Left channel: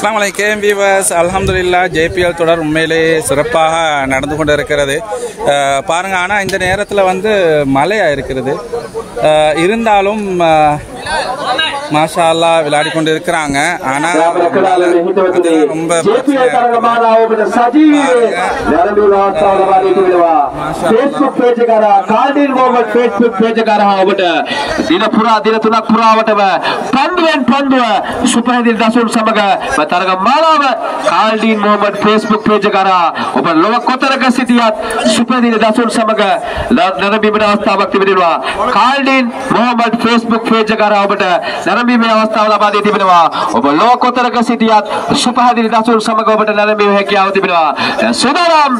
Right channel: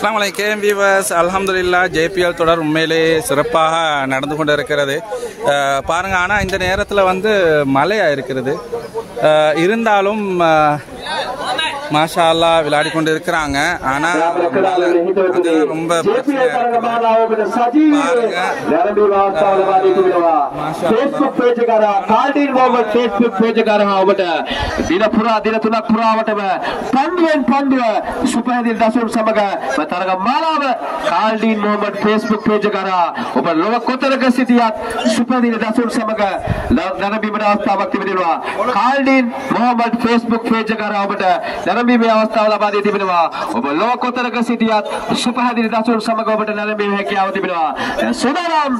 அஸ்ஸலாமு அலைக்கும் வியூவர்ஸ். அல்ஹம்துலில்லாஹ் JPL தொடர் உண்மையிலே சிறப்பாக நடந்து கொண்டு இருக்கிறது பாருங்க. ஆனால் இந்த நேரத்தில் வந்து மழையாக இருக்கிறது. இருந்தாலும் மாஷா அல்லாஹ் விளையாடி கொண்டு இருக்கிறாங்க. ஆனால் ரொம்ப තරග මාලාව කාල්ඩීන් මොහමඩ් Facebook page කරා ඔබ ලොව කොතරක සිටියත් සුපදින දසුන් සමග නරඹීමේ අවස්ථාවක් තිබෙනවා. කාල්ඩීන් මොහමඩ් Facebook page කරා ඔබට නරඹීමේ අවස්ථාව ලබා දී තිබෙනවා. ඔබ ලොව කොතරක සිටියත් සුපදින දසුන් සමග ඔබට නරඹීමේ හැකියාව තිබෙනවා. සුදානම්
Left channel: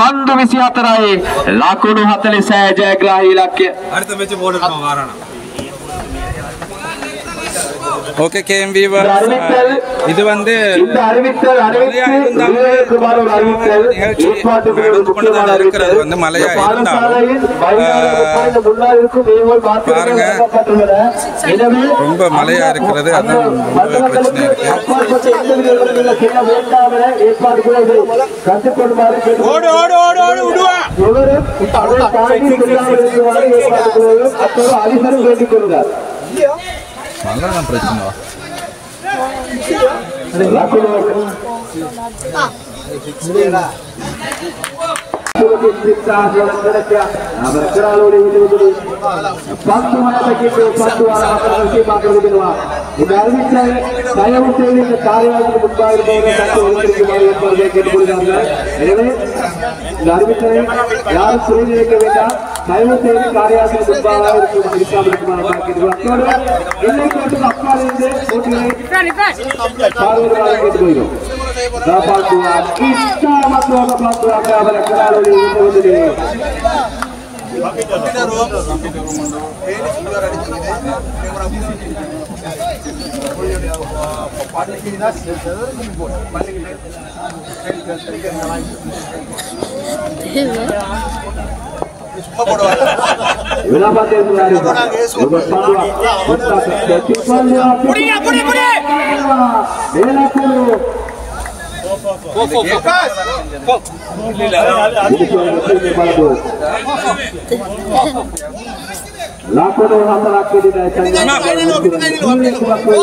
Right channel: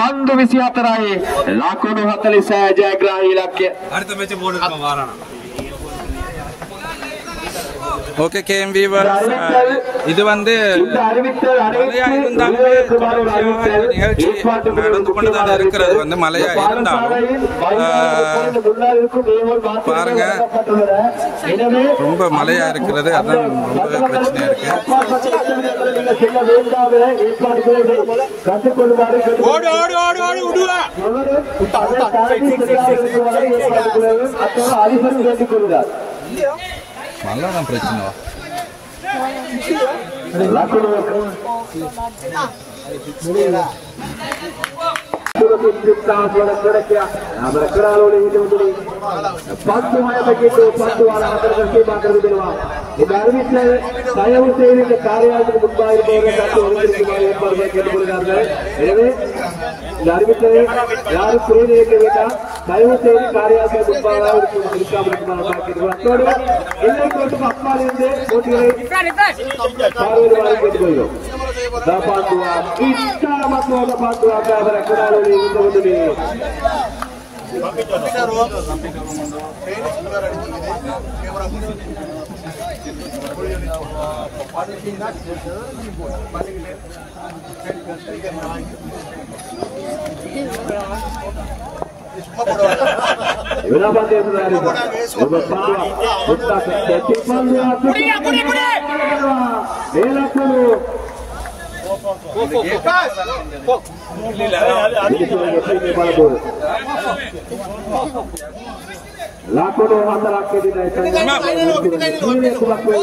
පන්දු 24යි ලකුණු 46 ජයග්‍රාහී ඉලක්කය. அடுத்த மேட்ச் போடுறோம் வாரானா. ஓகே கேஎம் வீவர், இது வந்து இருக்கிறது வந்து மழையா இருந்தாலும் பாருங்க ரொம்ப மழையா இருக்கிறது. அது பிரச்சனை இருக்கு. மழைதான் பிரச்சனை.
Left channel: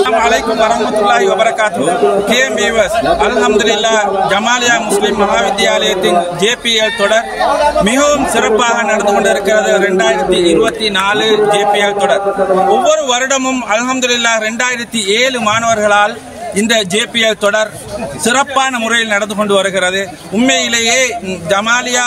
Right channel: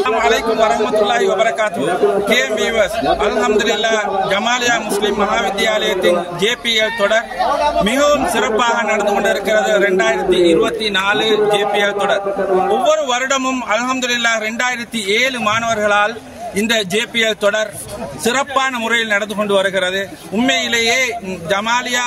Assalamualaikum warahmatullahi wabarakatuh. KM viewers, alhamdulillah Jamalia முஸ்லிம் மகாவித்யாலயத்தின் JPL தொடர் மிகவும் சிறப்பாக நடந்து கொண்டிருக்கிறது. 2024 JPL தொடர் ஒவ்வொரு வருடமும் அல்ஹம்துலில்லாஹ் 2007 மாணவர்களால் இந்த JPL தொடர் சிறப்பான முறையில் நடந்து கொண்டு வருகிறது. உண்மையிலேயே ஜமாலியா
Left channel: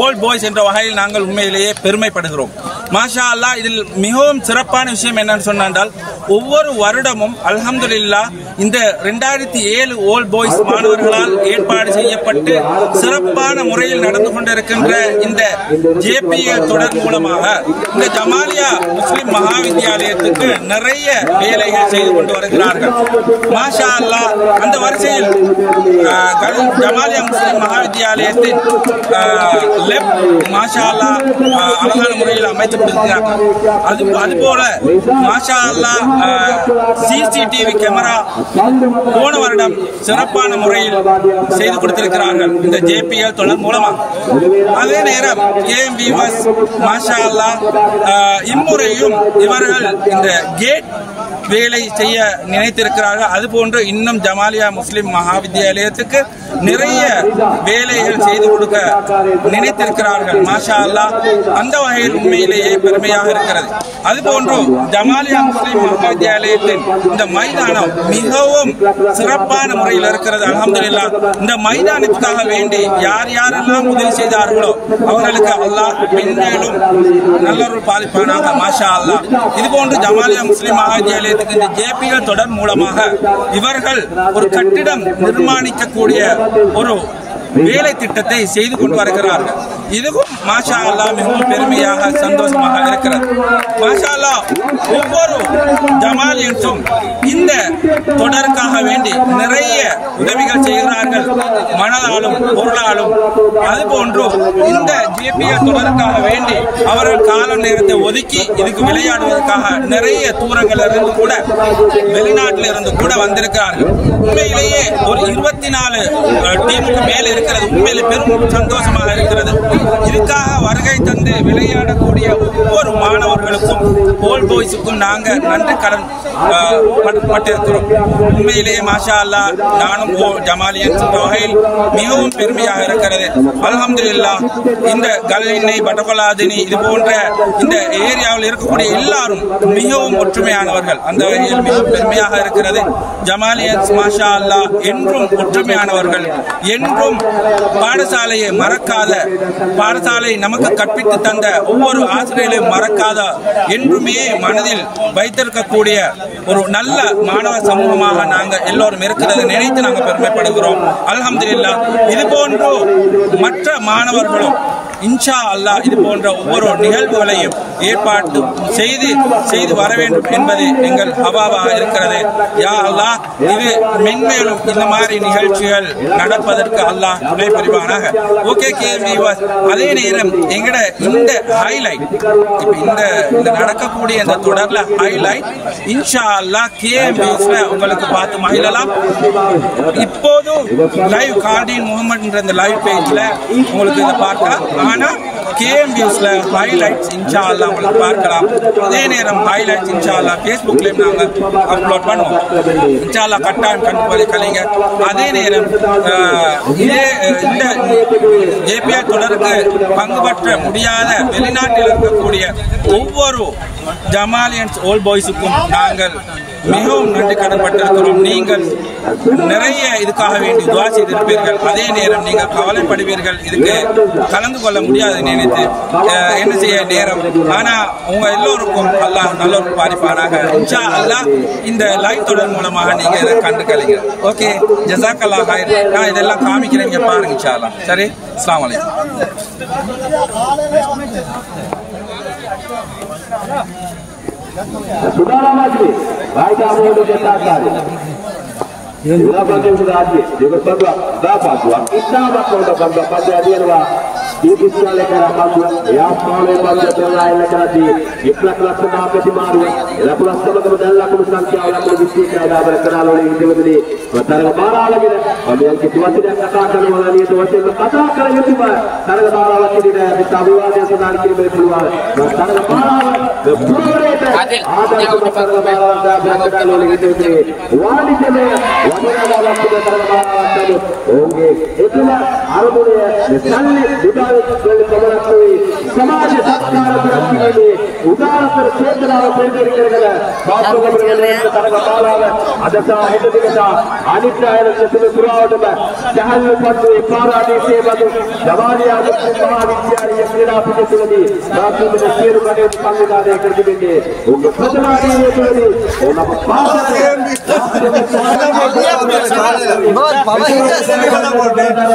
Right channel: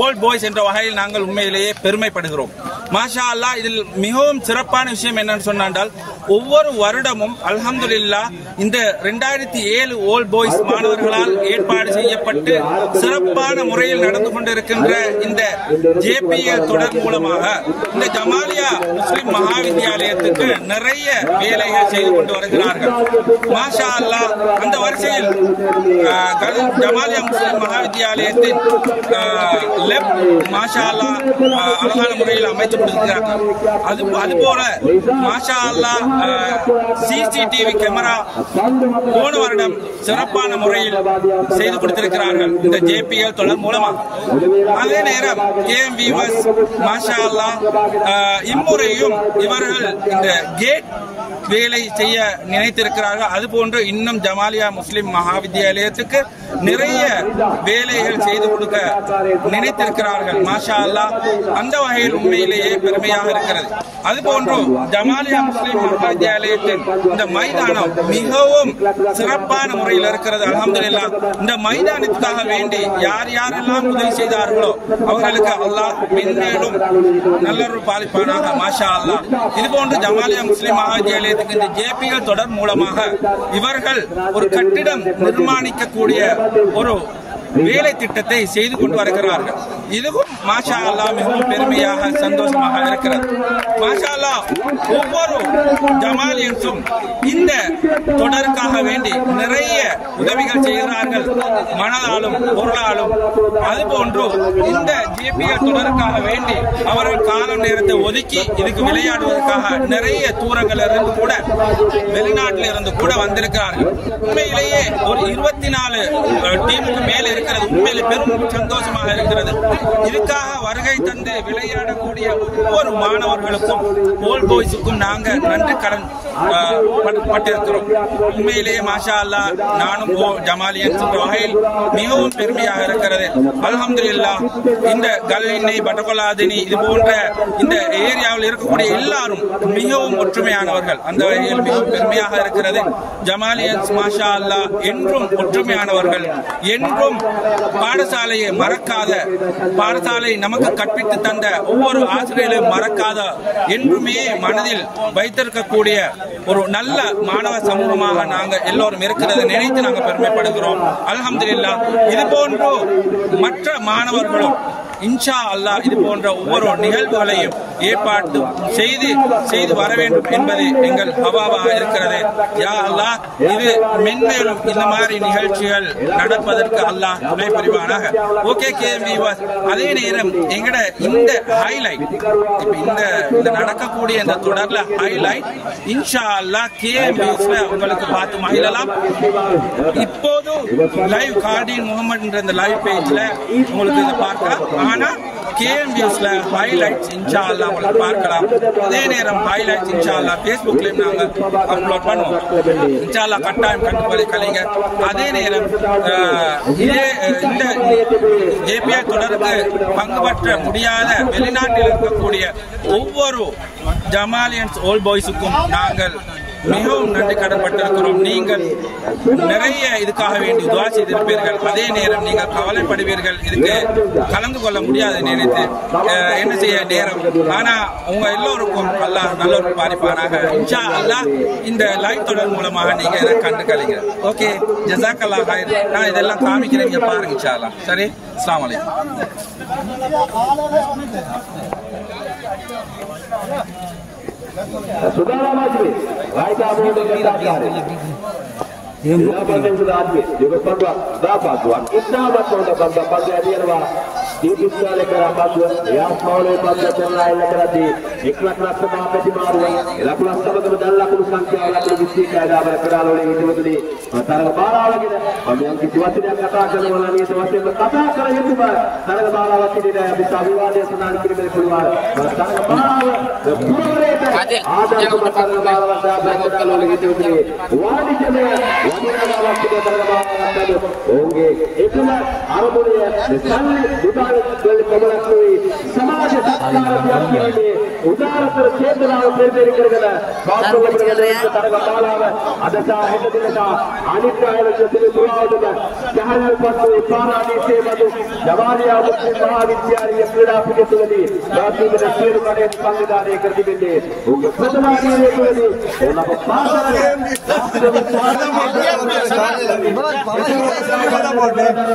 ஓல்ட் பாய்ஸ் என்ற வகையில் நாங்கள் உண்மையிலேயே பெருமைப்படுகிறோம். மாஷா அல்லாஹ். இதில் மிகவும் சிறப்பான விஷயம் என்னன்னு சொன்னால், ஒவ்வொரு வருடமும் அல்ஹம்துலில்லாஹ் இந்த 2007 ஓல்ட் பாய்ஸ் மாணவர்களால் ஏற்பாடு செய்யப்பட்டு சிறப்பான முறையில் நடந்து கொண்டிருக்கின்ற இந்த JPL தொடர் மூலமாக இந்த ஜமாலியா முஸ்லிம் மகாவித்யாலயத்துக்கு நிறைய வேலைகள் செய்து கொண்டு வருகிறார்கள். மாஷா அல்லாஹ். அந்த வரிசையில் ஜமாலியா முஸ்லிம் மகாவித்யாலயத்தின் மாஷா அல்லாஹ் அழகான முறையில் அமைக்கப்பட்டிருக்கிறார்கள். அதுபோல மாஷா அல்லாஹ் CCTV கேமரா போன வருடம் சிறப்பான முறையில் செய்து கொடுத்திருக்கிறார்கள் இந்த JPL தொடர் மூலமாக. அதே நேரம் KM வியூவர்ஸ் மாஷா அல்லாஹ் இம்முறையும் இவர்கள் இந்த கேட் வேலை செய்ய நினைத்திருக்கிறார்கள். அதுபோன்று இன்னும் ஜமாலியா முஸ்லிம் மகாவித்யாலயத்துக்கு நிறைய வேலைகள் செய்து கொடுக்க நினைத்திருக்கிறார்கள். மாஷா அல்லாஹ். அந்த வகையில் உண்மையிலேயே பெருமையாக இருக்கிறது. அதுபோன்று ஜமாலியா முஸ்லிம் மகாவித்யாலயத்தின் இந்த மைதானம் மிகவும் சிறப்பான முறையில் இருக்கிறது. அல்ஹம்துலில்லாஹ். இந்த மைதானத்துக்காக வேண்டி யார் யாரெல்லாம் உதவி செய்தார்களோ அவர்களுக்கு அல்லாஹ் மென்மேலும் நல்லொரு பாலிப்பானாக. மாஷா அல்லாஹ். இதுபோன்று ஜமாலியா முஸ்லிம் மகாவித்யாலயத்துக்கு இந்த JPL தொடர் மூலமாக இவர்கள் ஒரு கட்டிடம் நிர்மாணிக்கக்கூடிய ஒரு வேலை திட்டத்தை செய்து கொண்டு வருகிறார்கள். இதுவும் மாஷா அல்லாஹ் மிகவும் பெருமையாக சந்தோஷமாக இருக்கிறது. மாஷா அல்லாஹ். ஒவ்வொரு ஜமாலியன்ஸும் இந்த தொடருக்காக வேண்டி நிறைய உதவிகள் செய்கிறார்கள். மனதாலும் பொருளாலும் அதுபோன்று இந்த JPL தொடருக்காக வேண்டி அவர்கள் கால நேரத்தை ஒதுக்கி இதுக்கு விளையாடுவதற்காக நிறைய தூரங்கள் இருந்து கூட வெளிநாட்டில் இருந்து கூட வந்திருக்கிறார்கள். உண்மையிலேயே ஒரு 24 டீமுக்கு மேல் இருக்கிறது. உண்மையிலே பெரும் சந்தோஷமாக இருக்கிறது. இதுக்காக வருகை தந்து விளையாடக்கூடிய ஒவ்வொரு மாணவர்களுக்கும் போல் பாய்ஸுக்கும் நாங்கள் நன்றி கடன் பட்டிருக்கிறோம். உண்மையிலேயே மாஷா அல்லாஹ் நானும் ஜமாலியன் வகையில் மிகவும் பெருமையாக இருக்கிறது. அல்ஹம்துலில்லாஹ் இந்த கல்லினை பட்டபலாதினி இது போன்ற இந்த ஏரியாவில் இருக்கக்கூடிய எல்லாரும் மிகவும் ஒற்றுமையானவர்கள். அந்த வகையில் மிகவும் பெருமையாக இருக்கிறது. ஜமாலியன்ஸ் மாஷா அல்லாஹ் என்றும் ஒற்றுமையானவர்கள், என்றும் பாடசாலையை மறக்காத, பாடசாலை நமக்கு கற்பித்து தந்த ஒவ்வொரு ஆசிரியர்களையும் மறக்காத, என்றுமே மனதில் வைத்திருக்கக்கூடிய ஒரு நல்ல மாணவ சமூகமாக நாங்கள் எல்லோரும் இருக்கிறது நினைத்து நாங்கள் பெருமைப்படுகிறோம். அல்ஹம்துலில்லாஹ் இது போன்று மற்ற மாணவர்களும் இன்ஷா அல்லாஹ் இது போன்ற ஒவ்வொரு நிகழ்வுகளையும் ஏற்பாடு செய்து வர வேண்டும் என்பது எங்கள் ஹவாவாக இருக்கிறது. யா அல்லாஹ் இது மென்மேலும் இந்த மாதிரி நிகழ்ச்சிகள் நடப்பதற்கு அல்லாஹ் துணை புரிவானாக. ஓகே கேஎம்வியூவர்ஸ், அதே நேரம் எங்கட இந்த ஹைலைட் இப்ப இந்த நடக்கக்கூடிய இந்த தொடர்ல ஹைலைட் இன்ஷா அல்லாஹ் கேஎம்வியூஸ்ல உங்களுக்கு பார்த்து மகிழலாம். இப்போது லைவ் கார்டின் மூவ்மெண்ட் என்ற இந்த லைவ் பேஜ்ல உங்களுக்கு இதை பார்க்கலாம். ஆனா கேஎம்வியூஸ்ல ஹைலைட்ஸ் இன்ஷா அல்லாஹ் உங்களுக்கு பார்க்கலாம். அதே நேரம் ஹைலைட்ஸ் இன்ஷா அல்லாஹ் ஃபேஸ்புக்லயும் நாங்க அப்லோட் பண்ணுவோம். இன்ஷா அல்லாஹ் கட்டாயம் கண்டுபிடிக்கலீங்க. அதே நேரம் இதே இந்த JPL தொடருக்கு பங்கு பற்ற முடியாத வெளிநாட்டில் இருக்கக்கூடிய ஒவ்வொரு ஜமாலியன்ஸ் ஓல்ட் பாய்ஸுக்கும் நாங்கள் மிகவும் நன்றி கடன்பட்டிருக்கிறோம். நீங்கள் நிறைய இதுக்காக வேண்டி துவா செய்திருப்பீர்கள். அதே நேரம் நீங்கள் கவலைப்படுவீர்கள், இதுக்கு கலந்து கொள்ள முடியாது நினைத்து என்ன செய்ய நேரம். ஆனா உங்க எல்லோருக்கும் அல்லாஹ் நல்ல ஒரு பாரிப்பானாக. இன்ஷா அல்லாஹ் இந்த லைவ் தொடர் மூலமாக நீங்க இதை கண்டுக்கலைங்க. ஓகே, ஜஸாக்கல்லாஹ் ஹைர். நான் இதெல்லாம் காமிக்கிறேன், இங்க பாருங்க இன்ஷா அல்லாஹ். சரி, அஸ்ஸலாமு அலைக்கும். Saudara Majlis, baik kami untuk dikatakan. Silakan Raji, juga berdua, dapat buat kita untuk dapat dari luar. Di sisi negara maju, ya boleh pada jalan negara di ikhlas sedang bersimaru. Ya pula sama dengan laku sanksi orang berbisik ada berkeral oleh ini. Bertarung para lagi dah. Kalau situasi yang katakan mana ni situasi berkata kalau itu bah, tarung para lagi di daerah Sabuan yang sedang kini berkeluar. Bertarung para lagi. Ada untuk para berkeral oleh ini. Wali kena. होंगे इतना आरोपों सामने समाज संस्कार उदार पर चेतना ಅದಸ ಹಿಡಿದ ಅನಿತ್ಯಾಯ ಪುರಾದ ಜಹಲ್ ಮತ್ತು ಪಾರಾದೇಶೆ ಮತ್ತು ಜವಾನಿಯ ಮಹಾನಿತ್ಯಾಯ ಕ್ರೀಡಾಪಟುಗಳಲ್ಲಿ ಭಾರತದ ಸೇರುಗಡೆ ಪಾಲ್ಗೊಳ್ಳುತ್ತಾರೆ ಕರೆದಿದೆ ಒಂದು ಪ್ರತಿವಾದಿಯಲ್ಲಿ ನಮ್ಮ ಭಾರತದ बहुत बाबा हिंदा से वाला बोल रहे हैं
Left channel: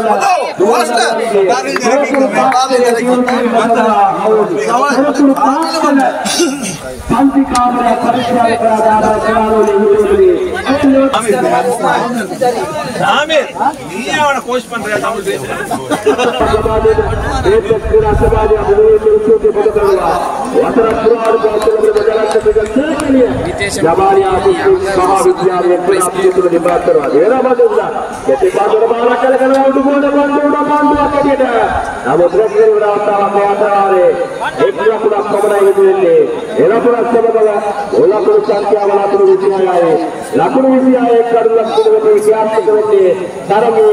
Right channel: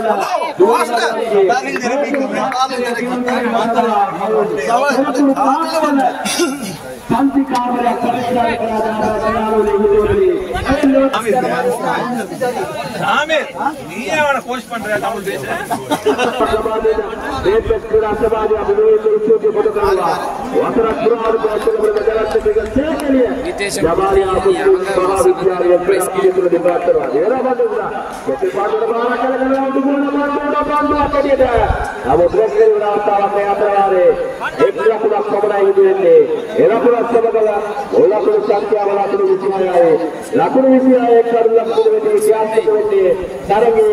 दोस्त गाली जरकी बाबा जरकी शांति कामरे परीक्षा करादार आमिर நீயே அவன கோச் பண்ற தமிழ் பேச क्रीडा सभा महाविद्यालय क्रीडा बात करवा देना बदलना जैसे बादल बारा चले गए उठने बारा के दिया अब रस्ते में आता है रे एक रस्ता पकड़ाई मिलने एरा पूरा सब गया ओला को संख्या वाला तो विधि आए लाखों विधि आए कर लक्ष्य में क्या करते तरंगे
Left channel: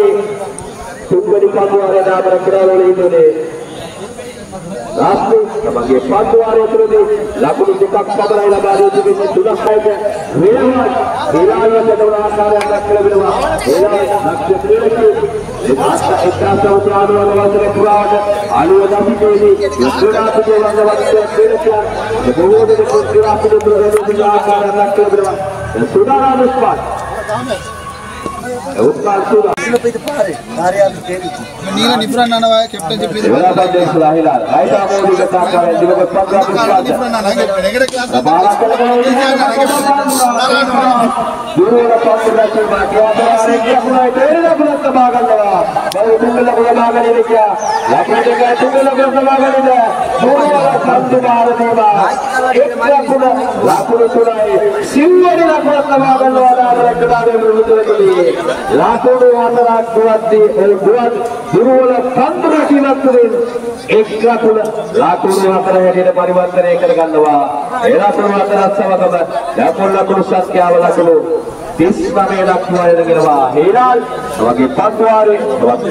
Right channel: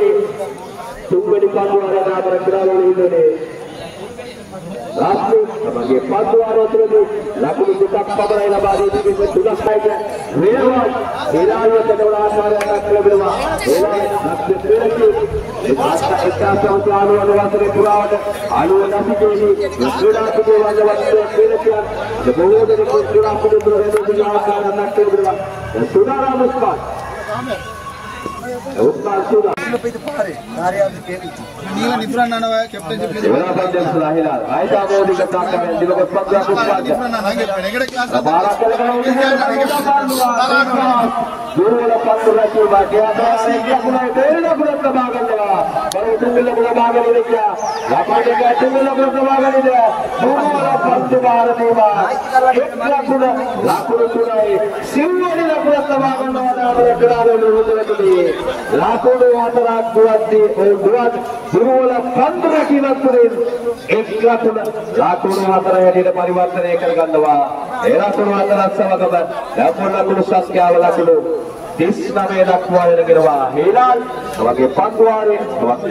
सुबह पादुआरा दाबर करालोले इतने राष्ट्र sebagai paduan itu laku dibuka pada negara ini sudah saya wilayah adalah negara kelima Nila different nana wa captain please. Bola bagi Israel. Right arm over the top kare. Dia buat पंद्रह पुष्पांजलि. Different nana negara class. बारह करेगा दूर पंद्रह चल क्या हमारे क्या पुरा तेरे पुरा तबागन लगा. बड़े तुमने पुरा बागन नहीं किया. लाखों के क्या तुमने पुरा तबागन नहीं किया. दोनों वाला पंद्रह बार देवा. एक पुरा लाखों के पुरा है. सिंगल ने पुरा तबागन वाला अपने किनारे में उतर गई. लाखों ने वाला रात दी और दोनों वाला पंद्रह की नस्ल एक लाखों ने वाला है ने परिवर्तन एक कर गंदवा. era kurwatara samagama dapulla kurusas kyavala kulu tisna me lakwa enegewa helal awage panduware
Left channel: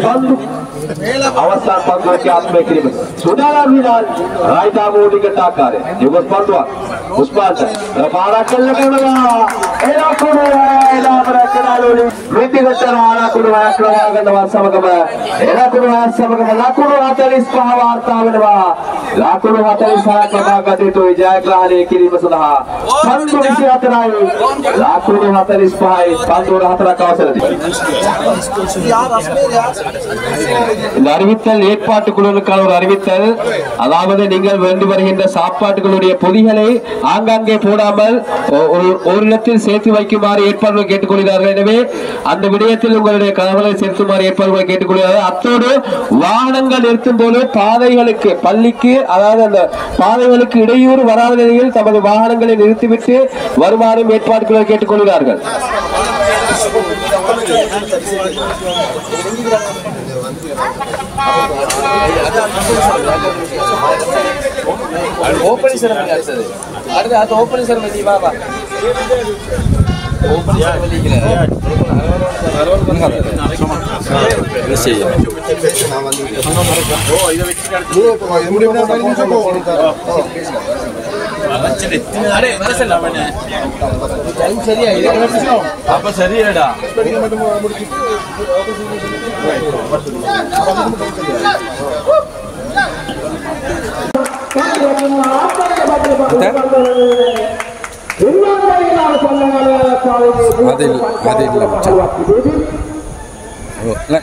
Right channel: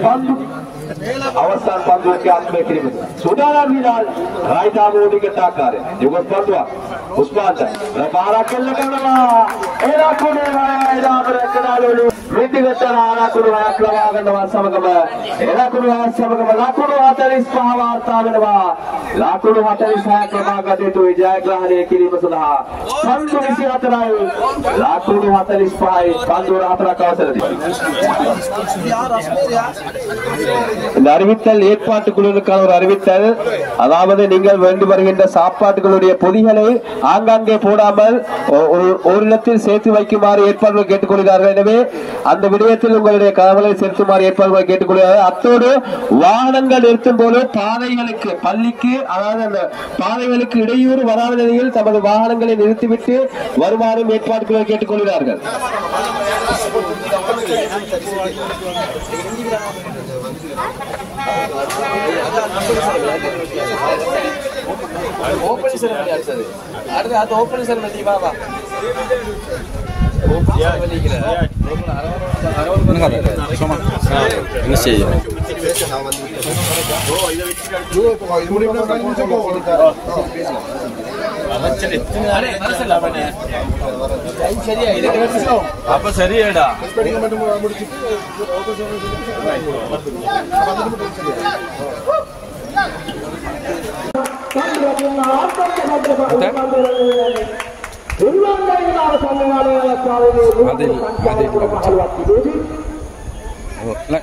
pandu අවසන් පන්දුව ක්‍රියාත්මක කිරීම සුදානම් හිලාල් රයිටා මෝඩිකට ආකාරය යුගස් පන්දුව පුස්පාට පාරක් කෙල්ල කරනවා එලා කරනෝනි වෘත්තිගත ආරකුණු ආක්‍රමණය කරනවා සමගම එලකුණු සමගම ලකුණු 45 වාර්තා වෙනවා ලකුණු 46ක් ලබාගත යුතුයි ජයග්‍රහණය කිරීම සඳහා පන්දු 24යි ලකුණු 45යි පන්දු 4ක් අවසරයි இந்த அறிவித்தல் ஏற்பாட்டுக்குழுக்கள் ஒரு அறிவித்தல் அதாவது நீங்கள் வேண்டி வருகின்ற சாப்பாட்டுகளுடைய பொதிகளை ஆங்காங்கே போடாமல் ஒரு இடத்தில் சேர்த்து வைக்குமாறு ஏற்பாடுகள் கேட்டுக்கொள்கிறார்கள் எனவே அந்த விடயத்தில் உங்களுடைய கவலை செலுத்துமாறு ஏற்பாடுகளை கேட்டுக்கொள்கிறார்கள் அத்தோடு வாகனங்கள் நிறுத்தும் போது பாதைகளுக்கு பள்ளிக்கு அதாவது அந்த பாதைகளுக்கு இடையூறு வராத நிலையில் தமது வாகனங்களை நிறுத்திவிட்டு வருமாறும் ஏற்பாடுகளை கேட்டுக்கொள்கிறார்கள் ஓபனிங் செரமனி ஆச்சது அது ஓபனிங் செரமனி பாபா சரியாடா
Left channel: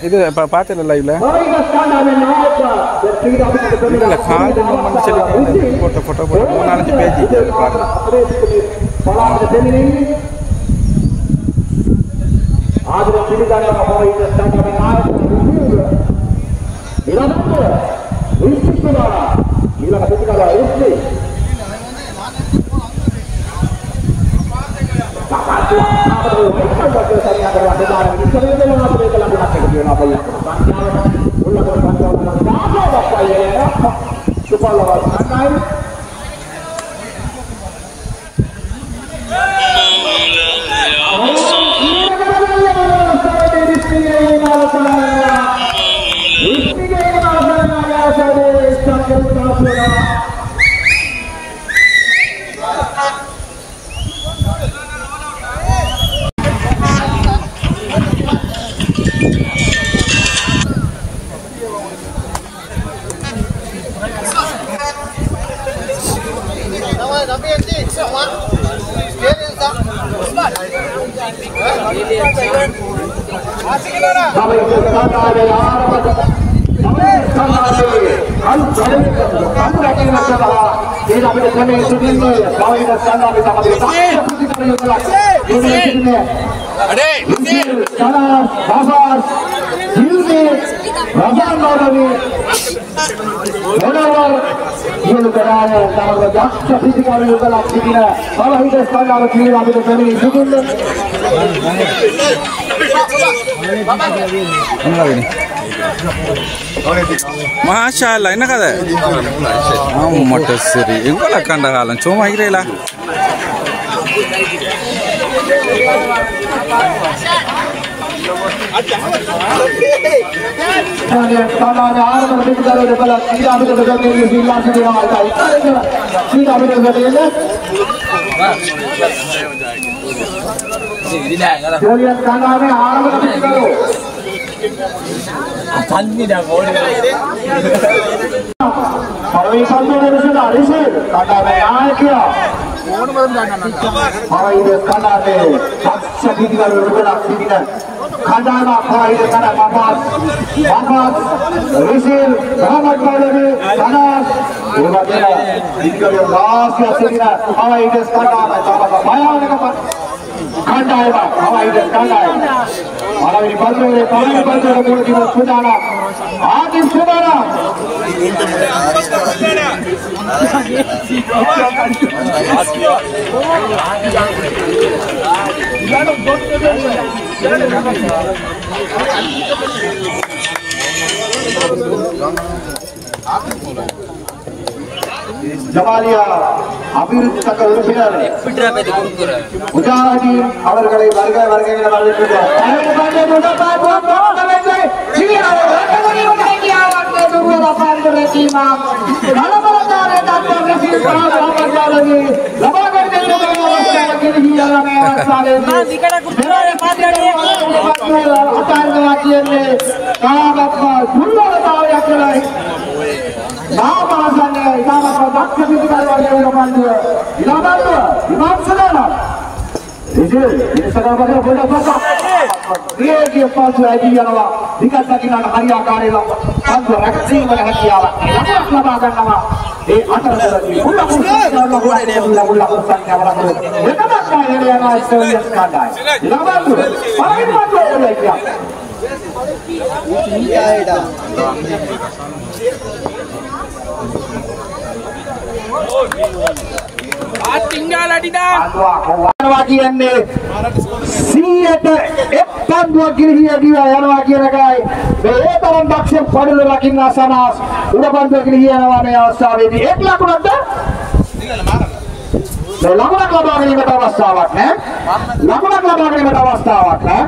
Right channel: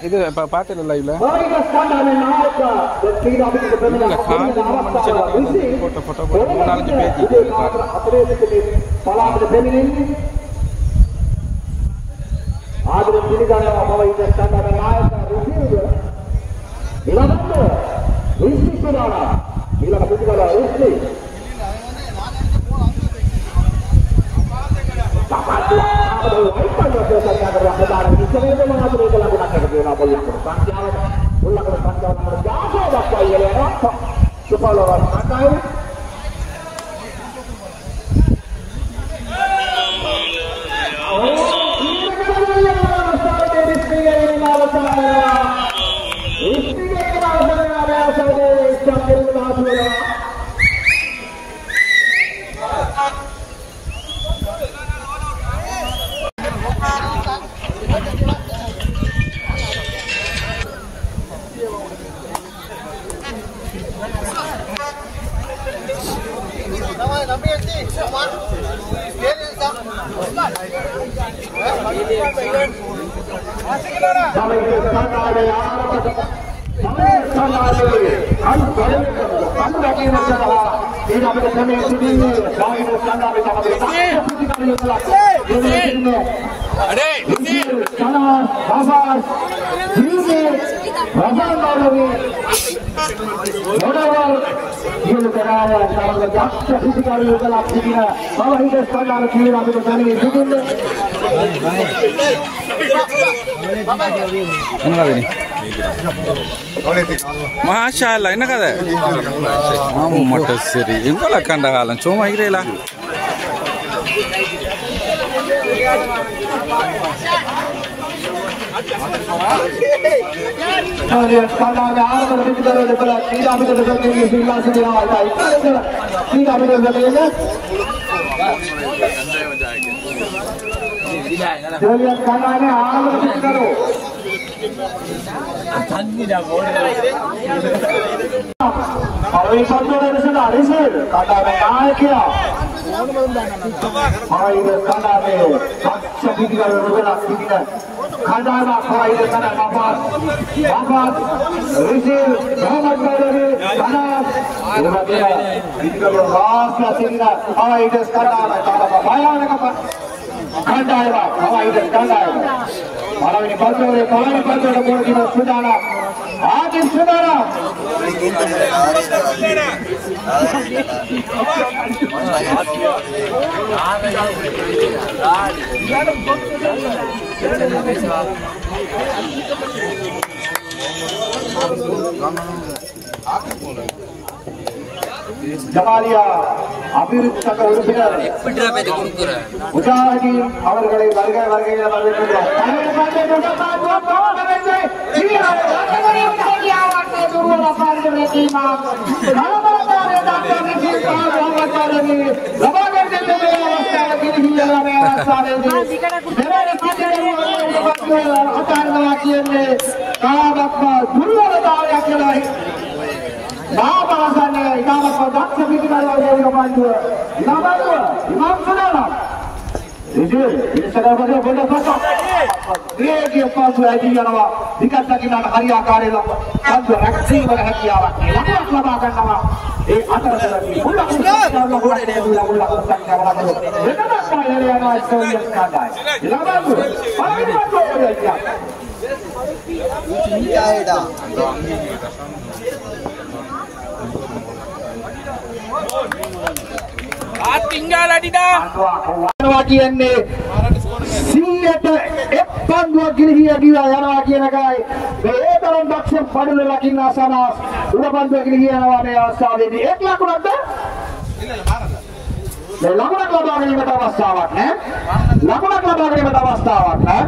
இது பார்த்தேன் லைவ்ல இல்லை கால் போட்ட ஃபோட்டோ போட்டு 3-4 page Masya Allah, enak ada? Oh, motor seri. Enggak lah kandangan, cuma kira lah. Kandana Khawaida Kana Mahmad Rizil Muhammad Maulana Kana Urwakira Dikare Vasya Sirina Khawaida Kandana Bhayanaka Kandana Khawaida Kandana Maravini Baldore Khawaida Baldore Murtila Sudana Adil Sudana Jamalia அபிவிருத்தி சங்க உறுப்பினர் முஜாஹிதீன் அவர்களை வருகை என வரவேற்கிறோம். tinggal adidan කියන්නේ 100ට එක්කන්දුවක් ගිලිහිය ගියා යනවා කියන එකයි මේ තරම් දක්ෂ පඩුල රකින්න සනාස් උඩපන්දුව ගිලිහිය යනවා මේ අවස්ථාවේදී එක් ලකුණක්ද මේ ලකුණක් ලබා ගැනීමට අවස්ථාවක් නැහැ ලකුණක් ලබා ගැනීමට අවස්ථාවක් නැහැ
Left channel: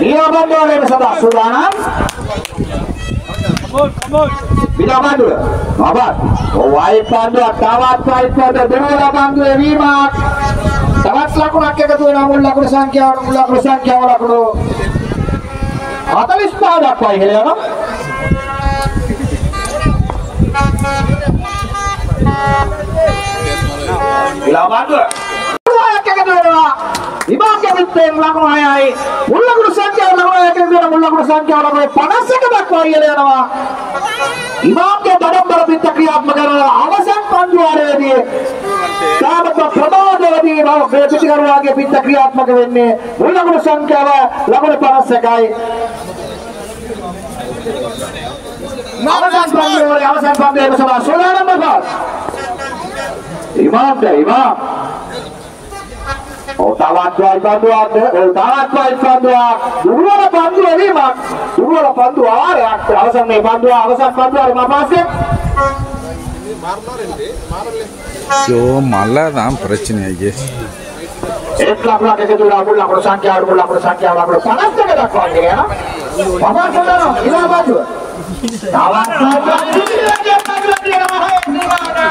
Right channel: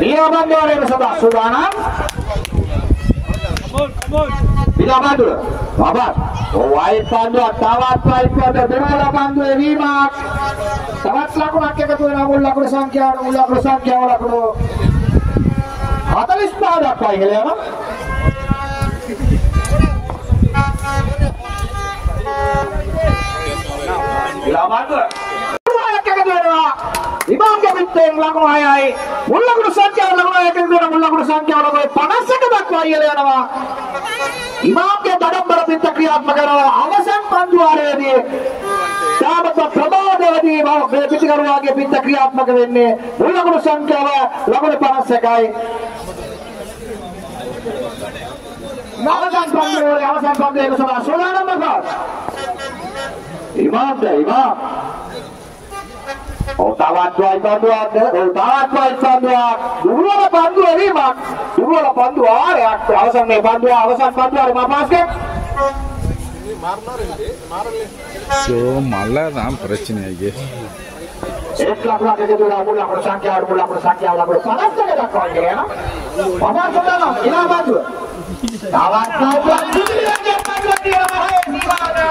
නියමවන්නේ සදා සුදානම් Bila bandu, babat. Wahid bandu, tawat wahid bandu, dua bandu evimak. Sangat laku nak kita tu nak mula bersangkya orang tu. Ada lista ada apa ini ya? Bila bandu. Imam ke bintang lagu ayai, mula bersangkya orang ayai kena mula bersangkya orang ayai panas sekali kau ini lewa. Imam ke dalam berbintang kriat magana awasan panduare ni. Sahabat pertama ni bahawa berbintang kriat ke bintang kriat magana ni mula bersangkya lagu panas sekali. Awasan panduare bersama Sulaiman Mahmud. Imam deh imam. Tawat bandu ada, tawat bandu. Dua bandu ini mak, dua bandu ada. Awasan bandu lima pasang. So malah dah percaya ni. Ek laku ke tu laku bersangkya laku panas tu kita kau ni ya. Mama saudara, lima bandu. Tawat bandu ni mana?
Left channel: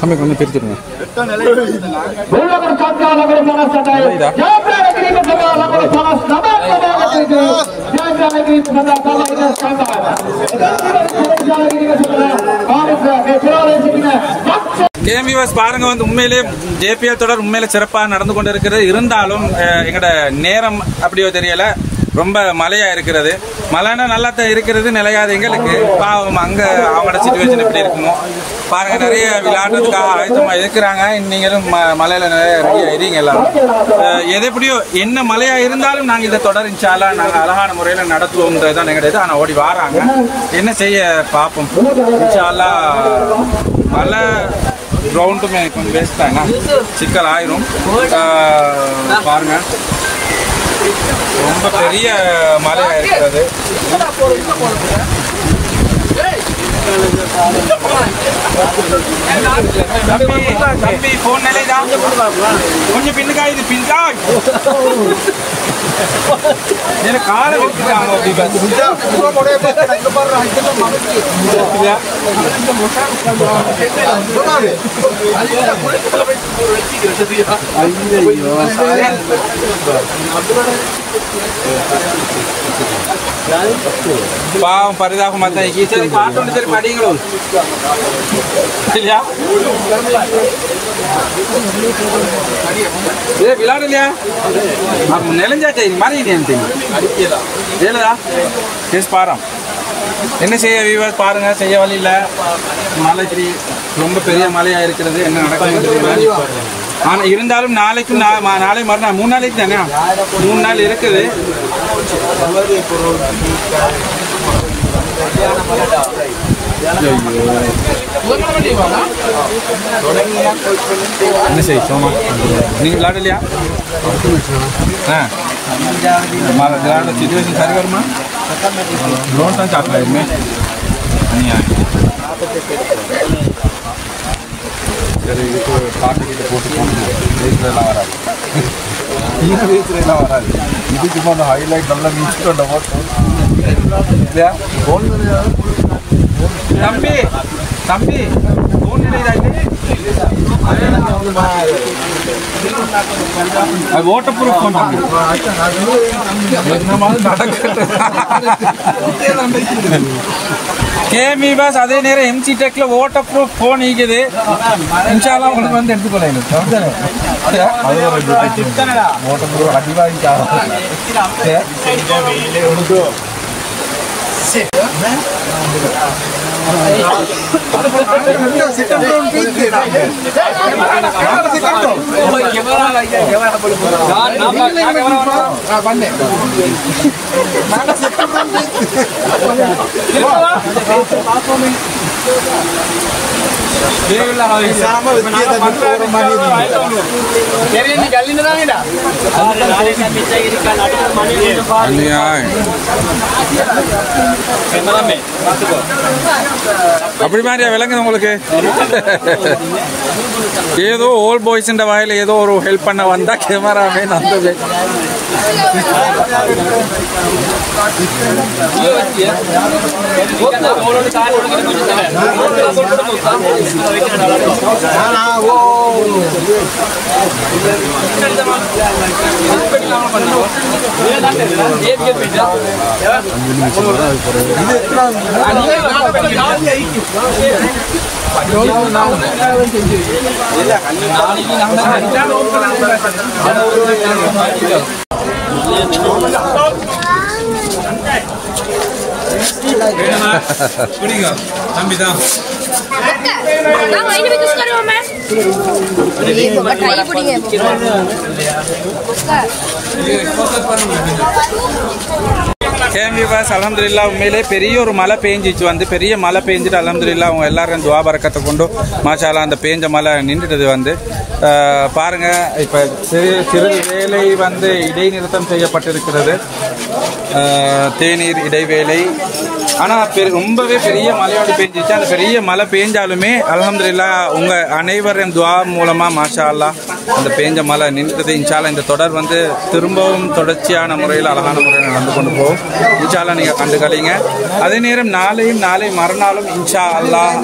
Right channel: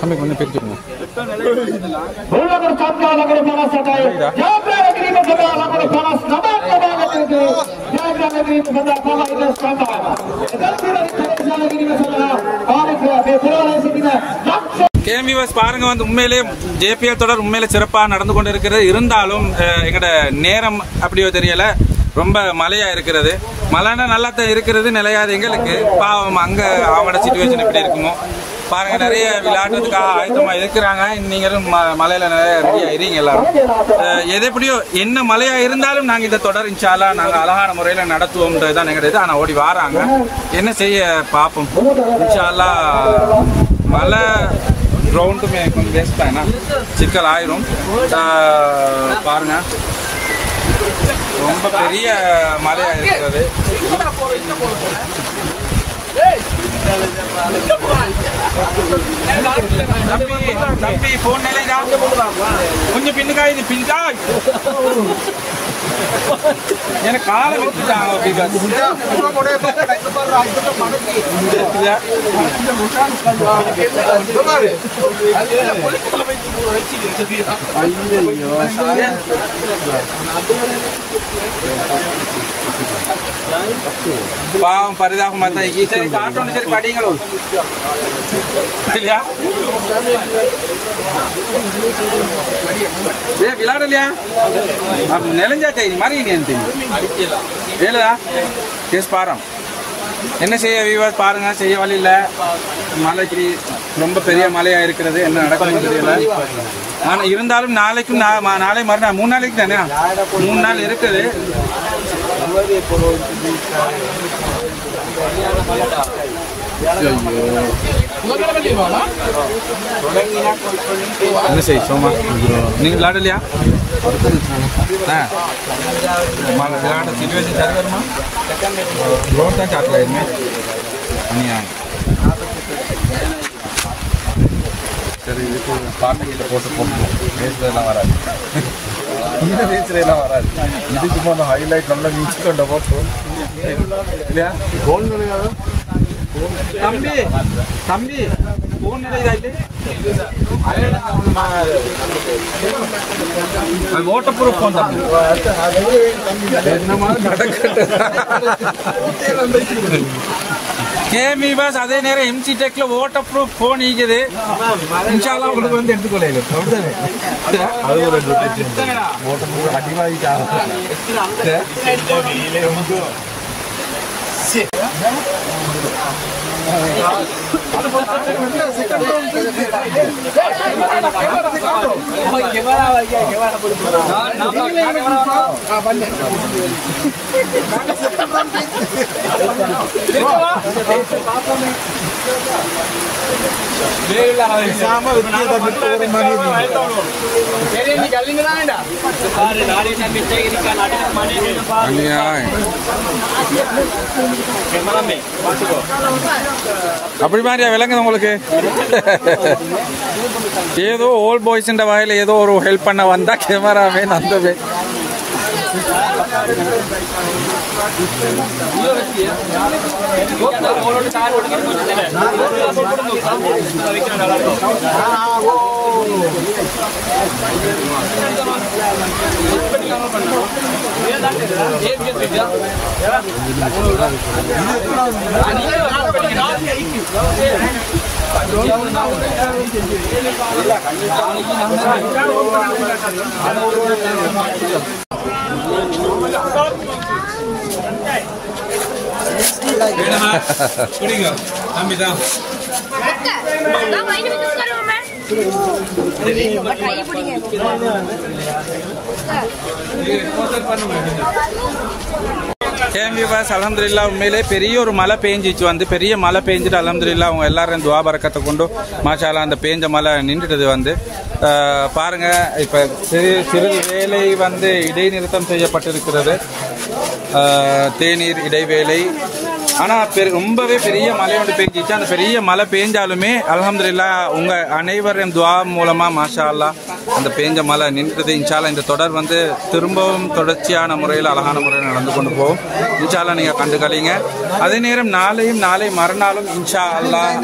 Kami kena pergi mana? Bola berkata lagu panas saja. Jawab lagi ni saja lagu panas. Nama saja lagu itu. Jangan lagi itu saja sama itu saja. Jangan lagi itu saja. Panas saya terlalu sikit. Game viewers பாருங்க வந்து உண்மையிலே JBL தொடர் உண்மையிலே சிறப்பாக நடந்து கொண்டு இருக்கிறது இருந்தாலும் எங்கட நேரம் அப்படியோ தெரியல ரொம்ப மழையா இருக்கிறது மழைனா நல்லா தான் இருக்கிறது நிலையாது எங்களுக்கு பாவம் அங்க அவங்களோட சிச்சுவேஷன் எப்படி இருக்குமோ பாருங்க நிறைய விளையாடுறதுக்காக ஆயத்தமா இருக்கிறாங்க நீங்களும் மழையில ரெடியா இருங்க எல்லாரும் எது எப்படியோ என்ன மழையா இருந்தாலும் நாங்க இந்த தொடர் இன்ஷால்லா நாங்க அழகான முறையில நடத்துவோம்ன்றதுதான் எங்களுக்கு ஆனா ஓடி வராங்க என்ன செய்ய பார்ப்போம் இன்ஷால்லா மழை ग्राउंड में कुछ बेचता है ना चिकल आयरूम பாருங்க ரொம்ப பெரிய மலையா இருக்குது தம்பி போன் நிலைதா கொஞ்சம் பின்னுக்கா இது பின்கா எனக்கு காலை விட்டுறாங்க பாவம் பரிதாபமா தான் சரி பாட்டு சரி படிங்களும் இல்லையா விளையாடலையா நிலைஞ்சாச்சா இது மாதிரி ஏலா கேஸ் பாரம் என்ன செய்ய பாருங்க செய்ய வழி இல்லை மலைக்கு ரொம்ப பெரிய மலையா இருக்கிறது என்ன நடக்குது தெரியல ஆனால் இருந்தாலும் நாளைக்கும் நாளை மறுநாள் 3 நாளைக்கு தானே 3 நாள் இருக்குது என்ன செய்ய சோமா நீங்கள் விளையாடலையா விளையாட சிச்சுவேஷன் சரி வருமா ड्रोन தான் காக்கல இதுமே சரி இப்போ பாட்டுக்கிட்ட போட்டு ரேஸ்லாம் வராது ரேஸ்லாம் வராது இது சும்மா அந்த ஹைலைட் நல்லா நீச்சிட்டு அந்த போட்டு இல்லையா தம்பி தம்பி ஃபோன் நிலைதாயிட்டு அது வாட்டர்ப்ரூஃப் ஃபோன் தம்பி என்ன மாதிரி நடக்குது கேமி பாஸ் அதே நேரம் எம்சி டெக்ல வாட்டர்ப்ரூஃப் ஃபோன் இருக்குது இன்ஷால்லா உங்களுக்கு வந்து எடுத்துக்கொள்ளலாம் அப்படிதானே வாட்டர்ப்ரூஃப் அடிவாகி அப்படி மாதிரியா விளங்குது உங்களுக்கு ஏதோ ஓல்ட் பாய்ஸ் வாயில ஏதோ ஒரு ஹெல்ப் பண்ண வந்தா கேமராவே நல்லது தம்பிதான் அல்ஹம்துலில்லாஹ் உண்மையிலே பெரிய ஒரு மழை பெஞ்சிச்சு வந்து பெரிய மழை பெஞ்சிட்டு அல்ஹம்துலில்லாஹ் அவங்க எல்லாரும் துஆ பரக்கத்தை கொண்டு மாஷா அல்லாஹ் அந்த பெஞ்ச மழை நின்றுட்டது வந்து பாருங்க இப்போ சிறிது வேலை வந்து இடைநிறுத்தம் செய்யப்பட்டிருக்கிறது தேநீர் இடைவேளை ஆனால் ரொம்பவே பெரிய மழையோடு பெஞ்சிச்சு அந்த பெரிய மழை பெஞ்சாலுமே அல்ஹம்துலில்லாஹ் உங்க அனைவரின் துஆ மூலமா மாஷா அல்லாஹ் அந்த பெஞ்ச மழை நின்றுது இன்ஷா அல்லாஹ் இந்த தொடர் வந்து திரும்பவும் தொடர்ச்சியான முறையில் அழகான முறையில் நடந்து கொண்டு போகும் இன்ஷா அல்லாஹ் நீங்க கண்டுகளிங்க அதே நேரம் நாளை மறுநாளும் இன்ஷா அல்லாஹ்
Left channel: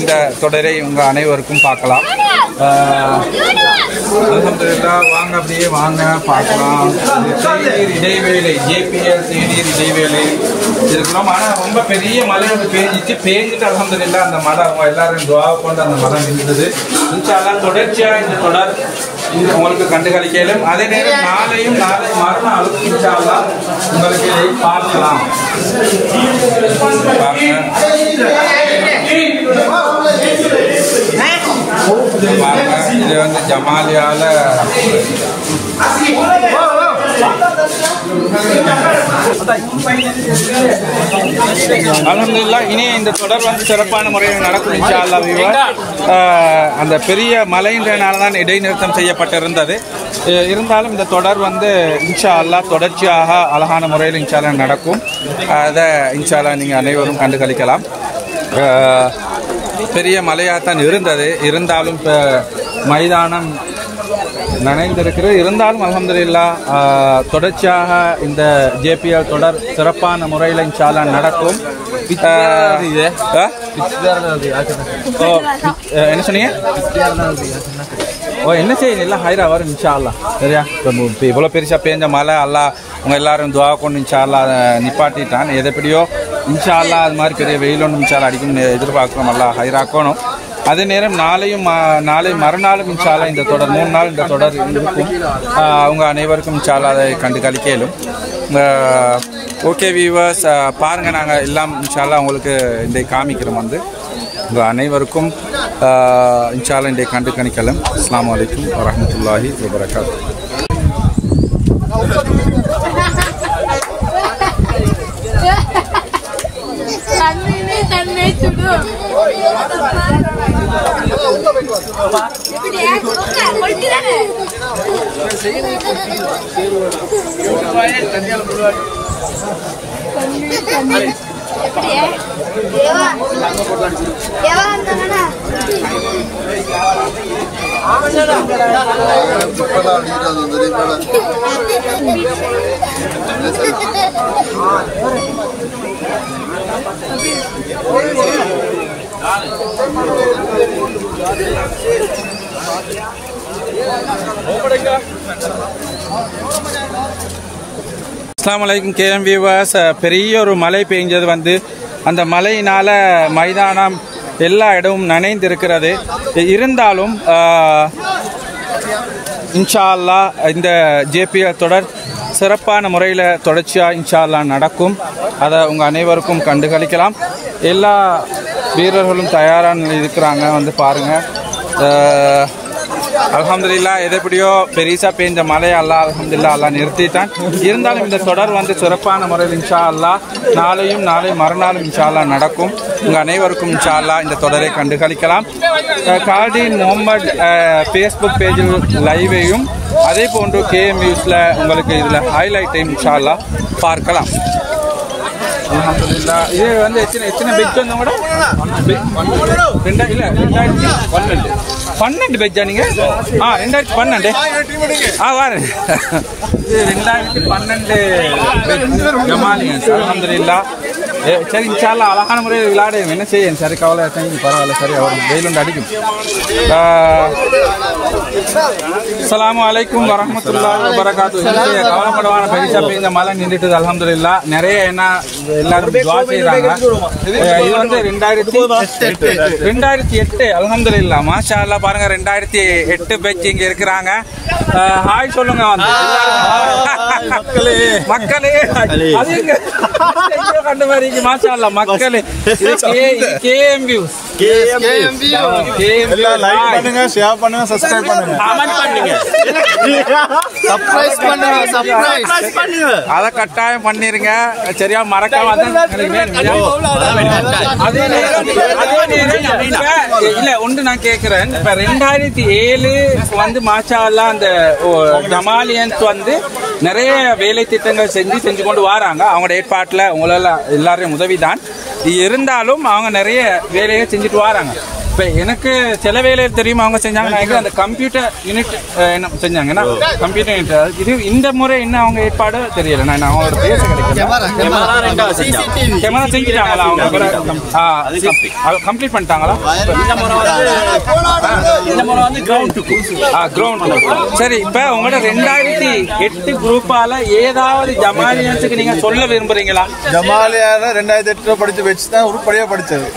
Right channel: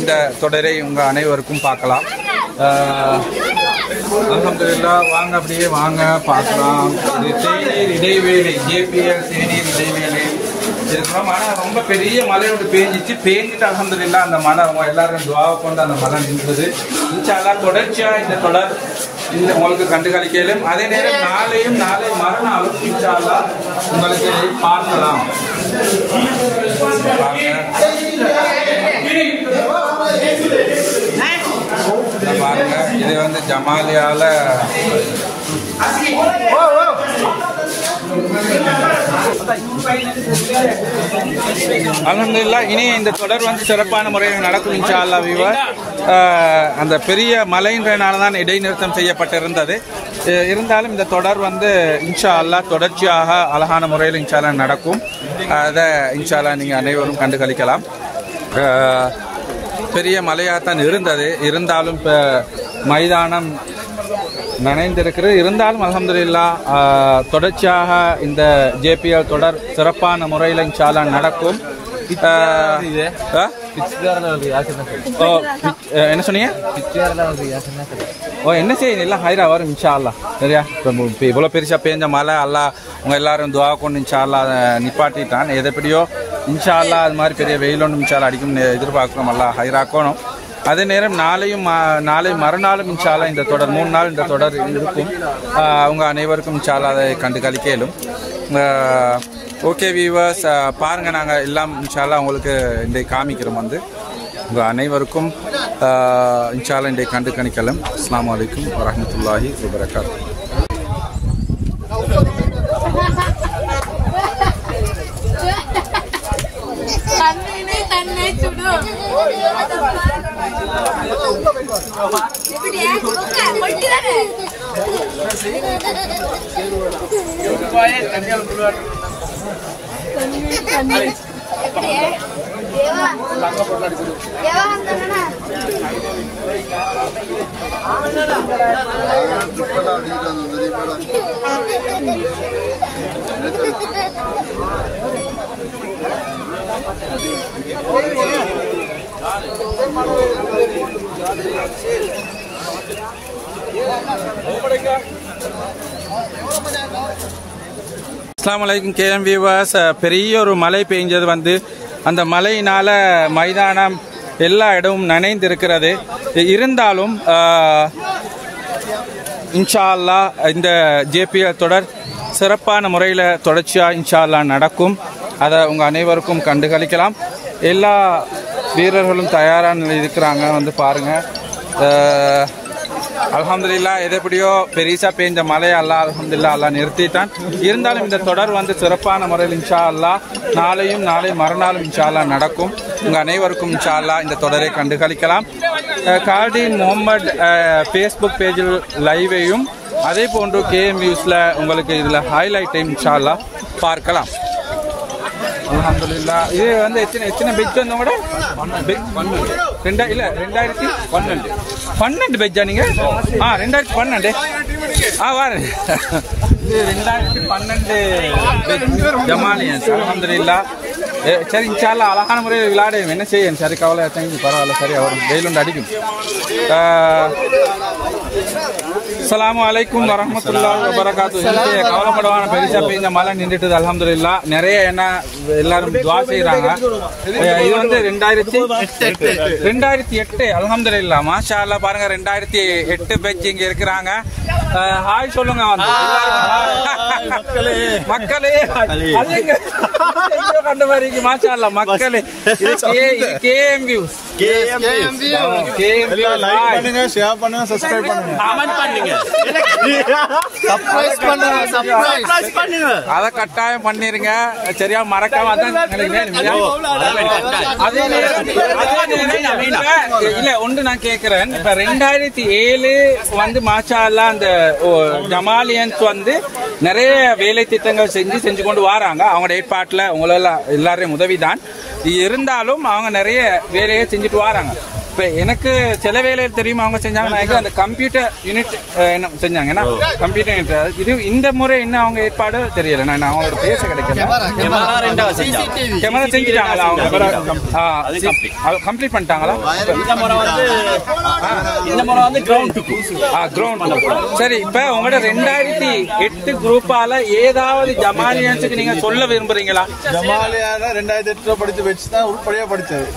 இந்த தொடரை உங்க அனைவருக்கும் பார்க்கலாம் அல்ஹம்துலில்லாஹ் வாங்க அப்படியே வாங்க பார்க்கலாம் தேநீர் இடைவேளை ஜேபிஎல் தேநீர் இடைவேளை இருக்கிறோம் ஆனால் ரொம்ப பெரிய மழை வந்து பேஞ்சிட்டு அல்ஹம்துலில்லாஹ் அந்த மழை அவங்க எல்லாரும் துஆ கொண்டு அந்த மழை நின்றுது இன்ஷா அல்லாஹ் தொடர்ச்சியாக இந்த தொடர் உங்களுக்கு கண்டுகளிக்கலும் அதே நேரம் நாளை மறுநாள் இன்ஷா அல்லாஹ் உங்களுக்கு இதை பார்க்கலாம் இது வந்து ஜமாலியால அல்ஹம்துலில்லாஹ் இனி இந்த தொடர் வந்து சிறப்பான முறையில் நடக்கும் இன்ஷா அல்லாஹ் அந்த பெரிய மழையின்றனால தான் இடைநிறுத்தம் செய்யப்பட்டிருந்தது இருந்தாலும் இந்த தொடர் வந்து இன்ஷா அல்லாஹ் தொடர்ச்சியாக அழகான முறையில் இன்ஷா அல்லாஹ் நடக்கும் அதை இன்ஷா அல்லாஹ் நீங்கள் அனைவரும் கண்டுகளிக்கலாம் பெரிய மழையாகத்தான் இருந்தது. இருந்தாலும் மைதானம் நனைந்திருக்கிறது. இருந்தாலும் அல்ஹம்துலில்லாஹ் தொடர்ச்சியாக இந்த ஜேபிஎல் தொடர் சிறப்பான முறையில் இன்ஷா அல்லாஹ் நடக்கும். என்ன சொன்னீங்க? என்ன செய்யுது இல்லை ஹைரா வரும் இன்ஷா அல்லாஹ். சரியா, இவ்வளோ பெருசாக பேஞ்ச மழை அல்லாஹ் உங்கள் எல்லாரும் துவா கொண்டு இன்ஷா அல்லாஹ் நிப்பாட்டிட்டான். எதைப்படியோ இன்ஷா அல்லாஹ் அது மாதிரி பெரிய வெயில் ஒன்று இன்ஷா அல்லாஹ் அடிக்கும் எதிர்பார்க்குறோம். அல்லாஹ் ஹைராக்கணும். அதே நேரம் நாளை மறுநாளும் இன்ஷா அல்லாஹ் இந்த தொடர் 3 நாள் இந்த தொடர் இருக்கும். அவங்க அனைவருக்கும் இன்ஷா அல்லாஹ் அதை கண்டு கழிக்கலும். ஓகே வீவர்ஸ், பாருங்கள், நாங்கள் எல்லாம் இன்ஷா அல்லாஹ் உங்களுக்கு இந்த காமிக்கிறோம். உங்கள் அனைவருக்கும் இன்ஷா அல்லாஹ் இன்றைய கண்டு கணிக்கலாம். அஸ்ஸலாமு அலைக்கும் வரஹ்மத்துல்லாஹி வபரகாத்துஹு. அஸ்ஸலாமு அலைக்கும் கேஎம் வியூவர்ஸ். பெரிய ஒரு மழை பெய்ஞ்சது அந்த மழையினால மைதானம் எல்லா இடமும் நனைந்திருக்கிறது. இருந்தாலும் இன்ஷா அல்லாஹ் இந்த ஜேபிஎல் தொடர் சிறப்பான முறையில் தொடர்ச்சியாக இன்ஷா அல்லாஹ் நடக்கும். அதை உங்கள் அனைவருக்கும் கண்டுகளிக்கலாம். எல்லா வீரர்களும் தயாராக இருக்கிறாங்க. பாருங்கள், அல்ஹம்துலில்லாஹ் எதைப்படியோ பெரிசா பெய்ஞ்ச மழை அல்லாஹ் அல்ஹம்துலில்லாஹ் அல்லாஹ் நிறுத்திட்டான். இருந்தாலும் இந்த தொடர் சிறப்பான முறையில் இன்ஷா அல்லாஹ் நாளை மறுநாளும் இன்ஷா அல்லாஹ் நடக்கும். உங்கள் அனைவருக்கும் இன்ஷா அல்லாஹ் இந்த தொடரை கண்டுகளிக்கலாம். கால்டீன் முகமது ஃபேஸ்புக் பேஜில் லைவையும் அதே போன்று கேஎம் நியூஸில் உங்களுக்கு இதில் ஹைலைட்டையும் இன்ஷா அல்லாஹ் பார்க்கலாம். அல்ஹம்துலில்லாஹ். இது எத்தனை பெட்ஜ் வந்தோம் கூட? 2012 பெட்ஜா நீங்க? 2012 வாரு. இது 2012 ஜமாலியன்ஸ். அல்ஹம்துலில்லாஹ். சரி, இன்ஷா அல்லாஹ் அழகான முறையில் விளையாடுங்க. என்ன செய்யும்? சரி, கவலை பரவாயில்ல. சரி, அவர் வெயிலுண்டு அடிக்கும். அஸ்ஸலாமு அலைக்கும் வரஹ்மத்துல்லாஹி வபரகாத்துஹு. கவலைப்படவான பெரிசா பெய்ந்த மழை நின்றுட்டு அல்ஹம்துலில்லாஹ். நிறைய எல்லாரும் துஆ செய்றாங்க. இது 2008 அல்ஹம்துலில்லாஹ். மாஷா அல்லாஹ். பாருங்க, 2008 பேட்ச் இங்க இருக்கிறாங்க. ஹாய் சொல்லுங்க மக்களே. கண்டு மாதிரி மாஷா அல்லாஹ் மக்களே. KM views. ஷேர் பண்ணுங்க, சப்ஸ்கிரைப் பண்ணுங்க, அதை கட்டாயம் பண்ணிருங்க. சரியா, மறக்காம இல்ல ஒன்று நான் கேட்கிறேன். இப்ப 2007 மாஷா அல்லாஹ் அந்த ஜமாலியன்ஸ் நிறைய வேலை திட்டங்கள் செஞ்சு கொண்டு வராங்க. அவங்களோட ஏற்பாட்டுல உங்களால எல்லாரையும் உதவிதான். இருந்தாலும் அவங்க நிறைய வேலையை செஞ்சுட்டு வராங்க. இப்போ எனக்கு சில வேலையில் தெரியும் அவங்க செஞ்சாங்க. அந்த கம்ப்யூட்டர் யூனிட் என்ன செஞ்சாங்கன்னா கம்ப்யூட்டர் யூனிட் இது இந்த முறை என்ன அவங்க ஏற்பாடு தெரியல. நான் அவங்களோட பேச கிடைக்கல. கேமரா செஞ்சுட்டாங்களா? அவங்க கம்ப்ளீட் பண்ணிட்டாங்களா? கிரவுண்ட். சரி, இப்போ உங்களோட 2008 குரூப்பால ஏதாவது ஜமாலியன்ஸுக்கு நீங்க சொல்ல விரும்புறீங்களா? ஜமாலியான 2008 படிச்ச வச்சு தான் உருப்படியா படிச்சது.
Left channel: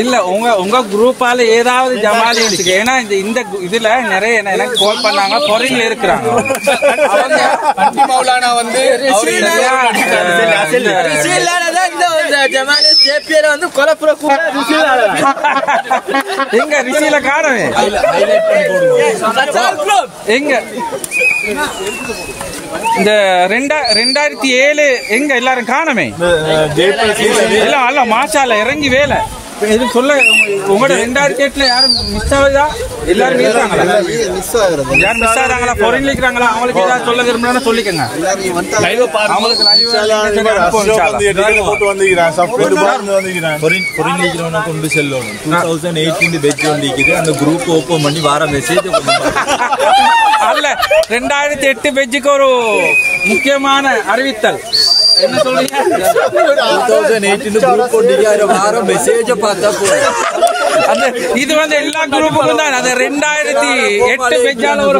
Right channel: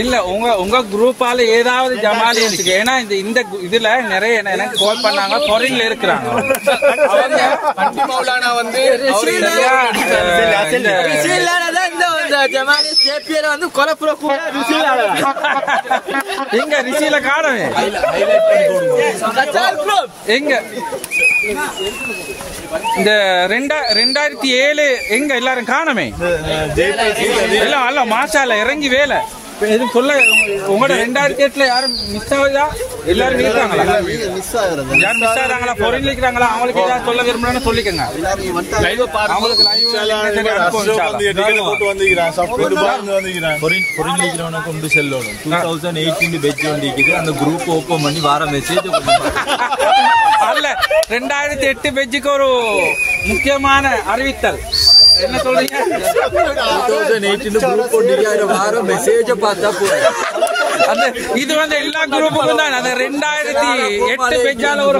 இல்ல உங்க குரூப்பால ஏதாவது ஜமாலியன்ஸுக்கு, ஏன்னா இந்த இதுல நிறைய எனக்கு கால் பண்ணாங்க, ஃபாரின்ல இருக்கிறாங்க. எங்க ரிஷியில காணவே எங்க இந்த 2007 எங்க எல்லாரும் காணமே இல்ல. மாஷால இறங்கி வேலை இது சொல்ல உங்களோட 2008 யாரும் மிஸ் ஆகுதா? எல்லாரும் இருக்கிறாங்களா? யாரும் மிஸ் ஆகுறாங்களா? ஃபாரின்ல இருக்கிறாங்களா? அவங்களுக்கு ஏதாவது சொல்ல விரும்புறேன்னு சொல்லிக்கங்க. அவங்களுக்கு லைவ் கொண்டு செல்லணும். 2018 பேட்ச் வந்திருக்குது. அந்த குரூப் ஓபன் பண்ணி வார மெசேஜ் அல்ல 2008 பேட்சுக்கு ஒரு முக்கியமான அறிவித்தல் என்ன சொல்றீங்க? 2018 குரூப் வார மெசேஜ் பார்த்தா அந்த இது வந்து எல்லா குரூப்புக்கும் தான். அது 2008 பேஜால ஒரு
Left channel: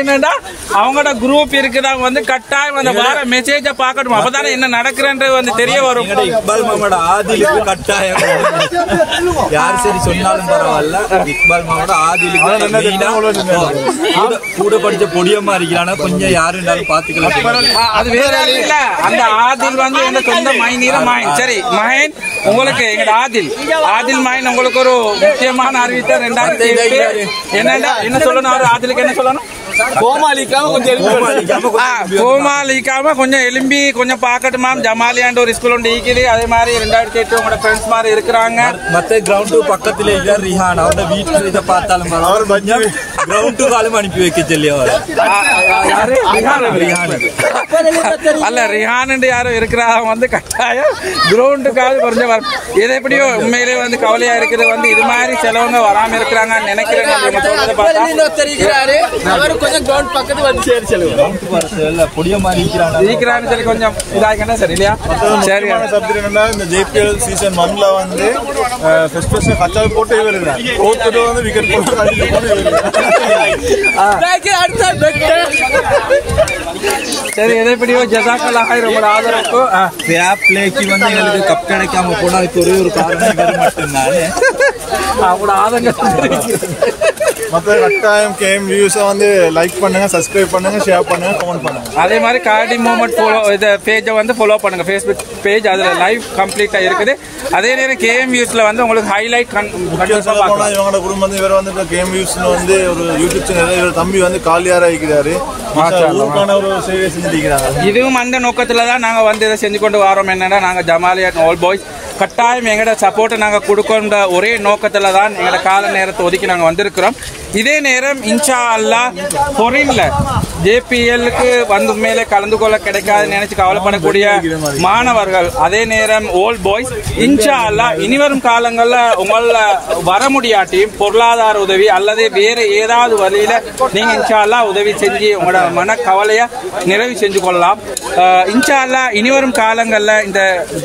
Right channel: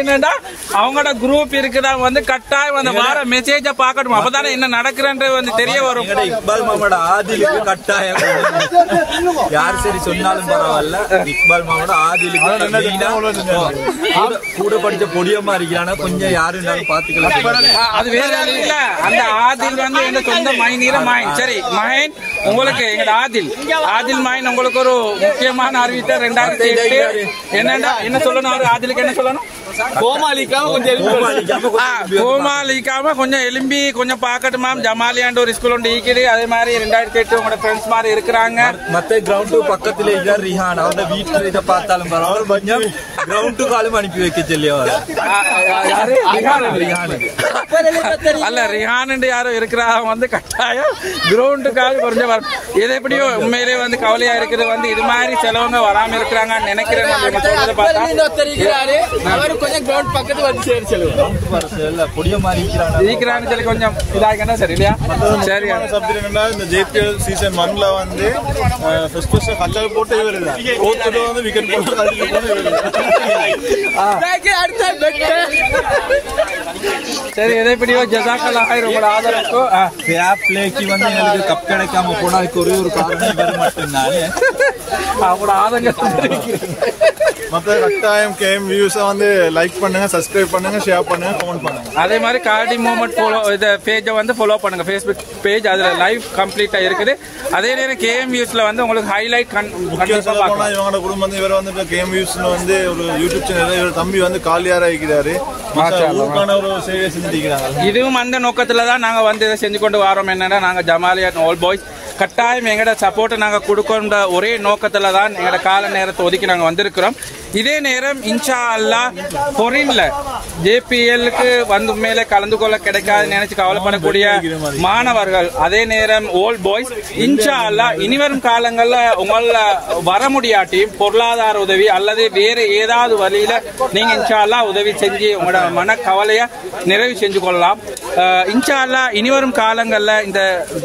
என்னன்னா அவங்களோட குரூப் இருக்குதா வந்து கட்டாயம் அந்த வார மெசேஜ பாக்கணும். அப்பதானே என்ன நடக்குறன்றது வந்து தெரிய வரும். இக்பால் மாமாவோட ஆதிலுக்கு கட்டாயம் யாரு சரி சொன்னாலும் பரவாயில்ல. இக்பால் மாமாவோட ஆதிலுக்கு கூட படிச்ச பொடியம்மா இருக்கிறானா கொஞ்சம் யாருன்னாலும் பாத்துக்கலாம். அது வேற இல்ல. அந்த ஆதில் வந்து என்ன சொந்த மைனீர மாயின். சரி மகன் உங்களுக்கு எங்க ஆதில் மாயின் உங்களுக்கு ஒரு முக்கியமான அறிவித்த 2008 என்ன சொல்லணும்? ஆதிலுக்கு என்ன சொல்லணும்? கோமாளிக்காம கொஞ்சம் எலும்பி கொஞ்சம் பாக்கட்டுமா. ஜமாலியாண்ட ஒரு ஸ்கூல் ஒன்று ஈக்குது. அதே மாதிரி 2008 உங்களோட ஃப்ரெண்ட்ஸ் மாதிரி இருக்கிறாங்க. மத்த கிரவுண்ட் பக்கத்துல இருக்கிற ரிஹான் அவங்க வீட்டுல இதை பார்த்தாலும் கிரவுண்ட் காலம் அனுப்பி வைக்க சொல்லி அல்ல ரிஹான் யாரும் இருக்கிறாங்க வந்து கட்டாயம் கிரவுண்டுக்காக கொஞ்சம் வரும். எது எப்படியோ உண்மையிலே வந்து கவலையா இருக்கிறது வந்து இது மாதிரி சிலவங்க வராம இருக்கிறாங்கன்னு நினைக்கிறேன். கொஞ்சம் இதாகிட்டா சரி இல்லையா? சரி இந்த JPL சீசன் 1ல வந்து கச்சா போட்டே வருது. தோத்துட்டு வந்து விக்கெட் சரி எதை எப்படியோ ஜஸாக்கல்லாஹ் ரொம்ப ஆதரவுக்கும் ஃபேர் பிளேக்கு வந்து எங்களுக்கு கப் கிடைக்காம போனதுக்கு ஒரே ஒரு காரணம் வேறு மட்டும்தானே அவங்களோட ஆதங்கம். மற்ற கட்டாயம் கேம் வியூஸை வந்து லைக் பண்ணுங்க, சப்ஸ்கிரைப் பண்ணுங்க, ஷேர் பண்ணுங்க, கமெண்ட் பண்ணுங்க. அதே மாதிரி கார்டி மூமெண்ட் இந்த பேஜை வந்து ஃபாலோ பண்ணுங்க. ஃபேஸ்புக் பேஜ் அதுல லைவ் கம்ப்ளீட்டா இருக்குது. அதே நேரம் கேம் வியூஸ்ல வந்து உங்களுக்கு ஹைலைட் இவங்களோட குடும்பம் வந்து இவர் வந்து கேம் வியூஸ்ல வந்து ஒரு யூடியூப் சேனல் இவர் தம்பி வந்து காலியாரா இருக்கிறாரு. ஒரு சேவை செஞ்சிருக்கிறாங்க. இதுவும் அந்த நோக்கத்துல தான் நாங்க வந்து இதை செஞ்சு கொண்டு வரோம். என்னன்னா நாங்க ஜமாலியா ஆல் பாய்ஸ் கட்டாயம் எங்களோட சப்போர்ட்டை நாங்கள் கொடுக்கின்ற ஒரே நோக்கத்தில் தான் எங்களோட கால நேரத்தை ஒதுக்கி நாங்கள் வந்திருக்கிறோம். இதே நேரம் இன்ஷா அல்லா பொரின்ல JPLக்கு வந்து மேலே கலந்து கொள்ள கிடைக்காது நினைச்சு கவலைப்படக்கூடிய மாணவர்கள், அதே நேரம் ஓல்ட் பாய்ஸ் இன்ஷா அல்லா இனிவரும் காலங்களில் உங்கள வர முடியாட்டியும் பொருளாதார உதவி அல்லது வேறு ஏதாவது வழியில நீங்க இன்ஷா அல்லா உதவி செஞ்சு உங்களோட மன கவலையை நிறைவு செஞ்சு கொள்ளலாம். இன்ஷா அல்லா இனிவரும் காலங்களில் இந்த